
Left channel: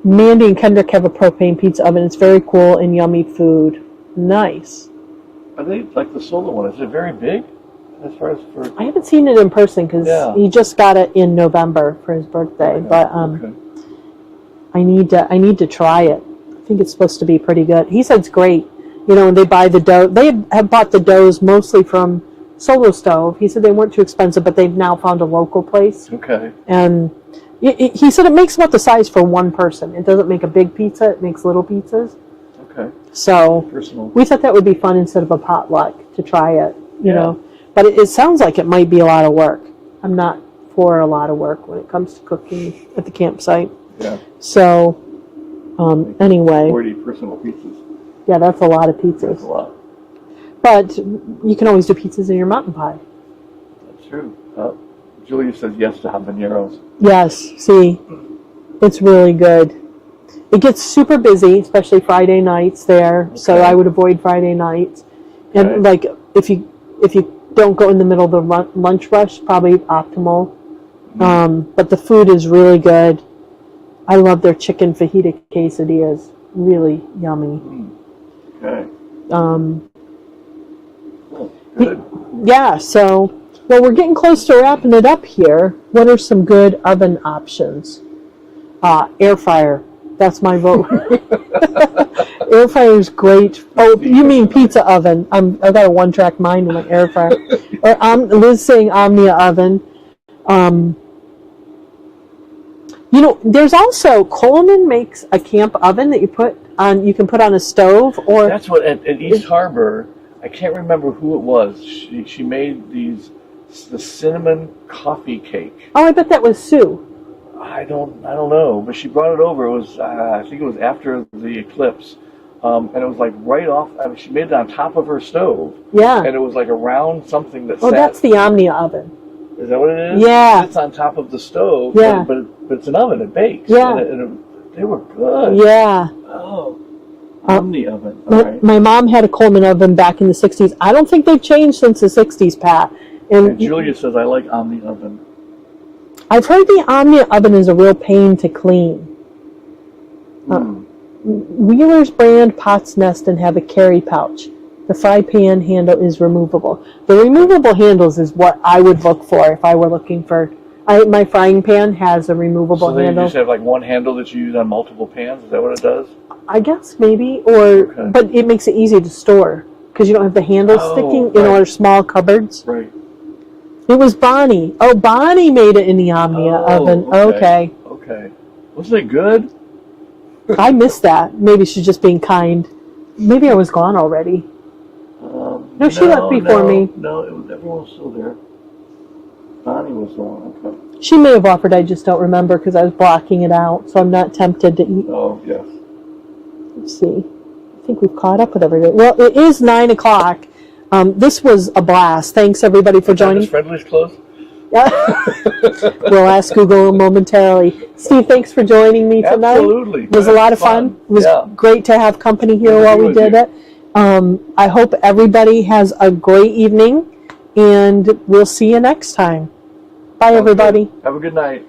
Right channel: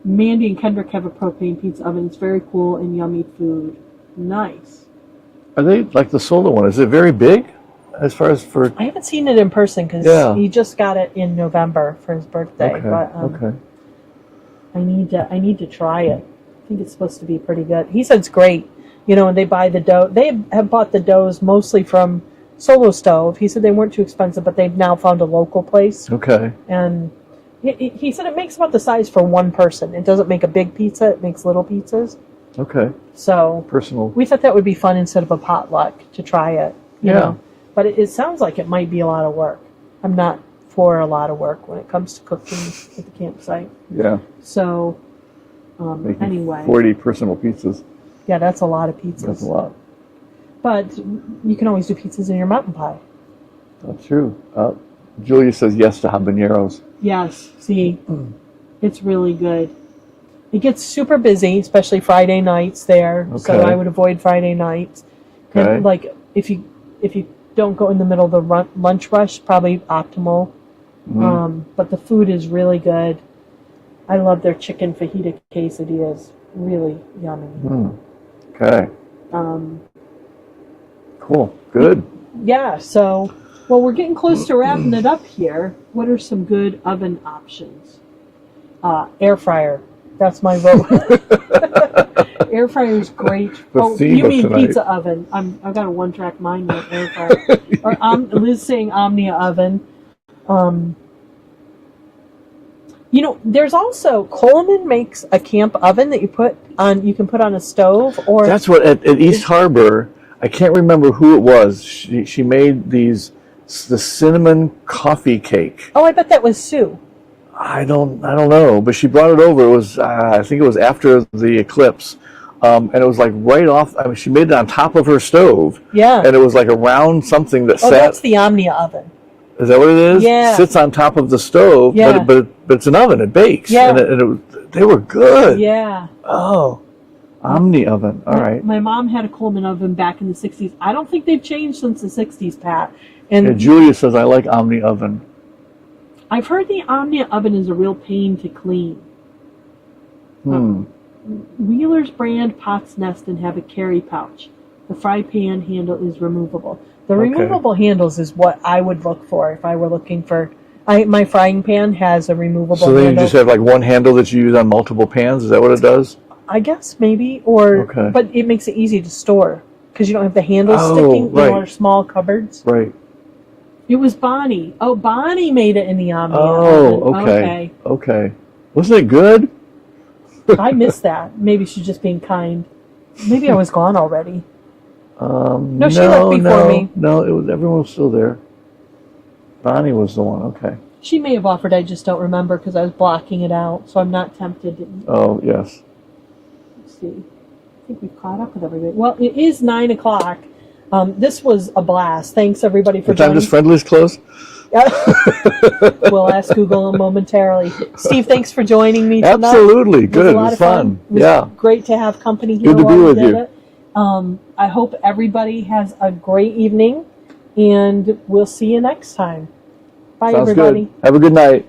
Mandy and Kendrick have a propane pizza oven. It's very cool and yummy food. Nice. Are they like the solar one? Is it very big as far as for... I haven't seen it in person because he just got it in November for his birthday. But I need to try it. I think it's supposed to be pretty good. He said it's great. You know, and they buy the dough. They have bought the doughs mostly from Solo Stove. He said they weren't too expensive, but they've now found a local place. Okay. And he said it makes about the size for one person. It doesn't make a big pizza. It makes little pizzas. Okay. So personal. We thought that would be fun instead of a potluck to try it, you know. But it sounds like it might be a lot of work. I'm not for a lot of work when it comes to cooking at the campsite. Yeah. So, anyway. 40 personal pizzas. Yeah, that's a lot of pizzas. That's a lot. But you can always do pizzas in your mountain pie. That's true. Julia says yes to habaneros. Yes, see, it's really good. It gets super busy, especially Friday nights there. Okay. So I would avoid Friday nights. And like if you don't go in the middle of the lunch rush, probably optimal. But the food is really good. I love their chicken fajita quesadillas. Really yummy. Okay. Cool. Good. Yeah, so, well, we're getting close to wrapping it up here. What are some good oven options? Air fryer. That's my vote. Air fryer is great. You mean tonight. Pizza oven. I've got a one-track mind in my air fryer. Liz saying Omnia oven. You know, there's also, Coleman makes a camp oven that you can put on a stove. Or that's what, at East Harbor, I can't remember who it was. She made the cinnamon coffee cake. Oh, I bet that was Sue. I don't know, but she brought it over. It was, I think it was after the eclipse. and it was like right off. I mean, she made it on top of her stove. Yeah. And it was like a round something that Oh, sat. that's the Omnia oven. Is that what it is? Yeah. It sits on top of the stove, Yeah. but it's an oven. It bakes. Yeah. They were good. Yeah. Oh, Omni oven. All right. My mom had a Coleman oven back in the 60s. I don't think they've changed since the 60s, Pat. And Julia says, I like Omni oven. I've heard the Omnia oven is a real pain to clean. Wheeler's brand pots nest and have a carry pouch. The fry pan handle is removable. The removable handles is what I would look for if I were looking for. My frying pan has a removable handle. So then you just have like one handle that you use on multiple pans? Is that what it does? I guess maybe, but it makes it easy to store because you don't have the handles sticking in our small cupboards. Right. It was Bonnie. Oh, Bonnie made it in the Omnia oven. Okay. Wasn't it good? I missed that. Maybe she's just being kind. Maybe I was gone already. No, she left before me. No, everyone was still there. Bonnie was the one. Okay. She may have offered. I just don't remember because I was blocking it out, so I'm not tempted to eat. Oh, yes. Let's see. I think we've caught up with everything. Well, it is 9 o'clock. This was a blast. Thanks, everybody, for joining. What time does Friendly's close? We'll ask Google momentarily. Steve, thanks for joining me tonight. Absolutely. It was a lot of fun. It was great to have company here while we did it. I hope everybody has a great evening, and we'll see you next time. Bye, everybody. Have a good night.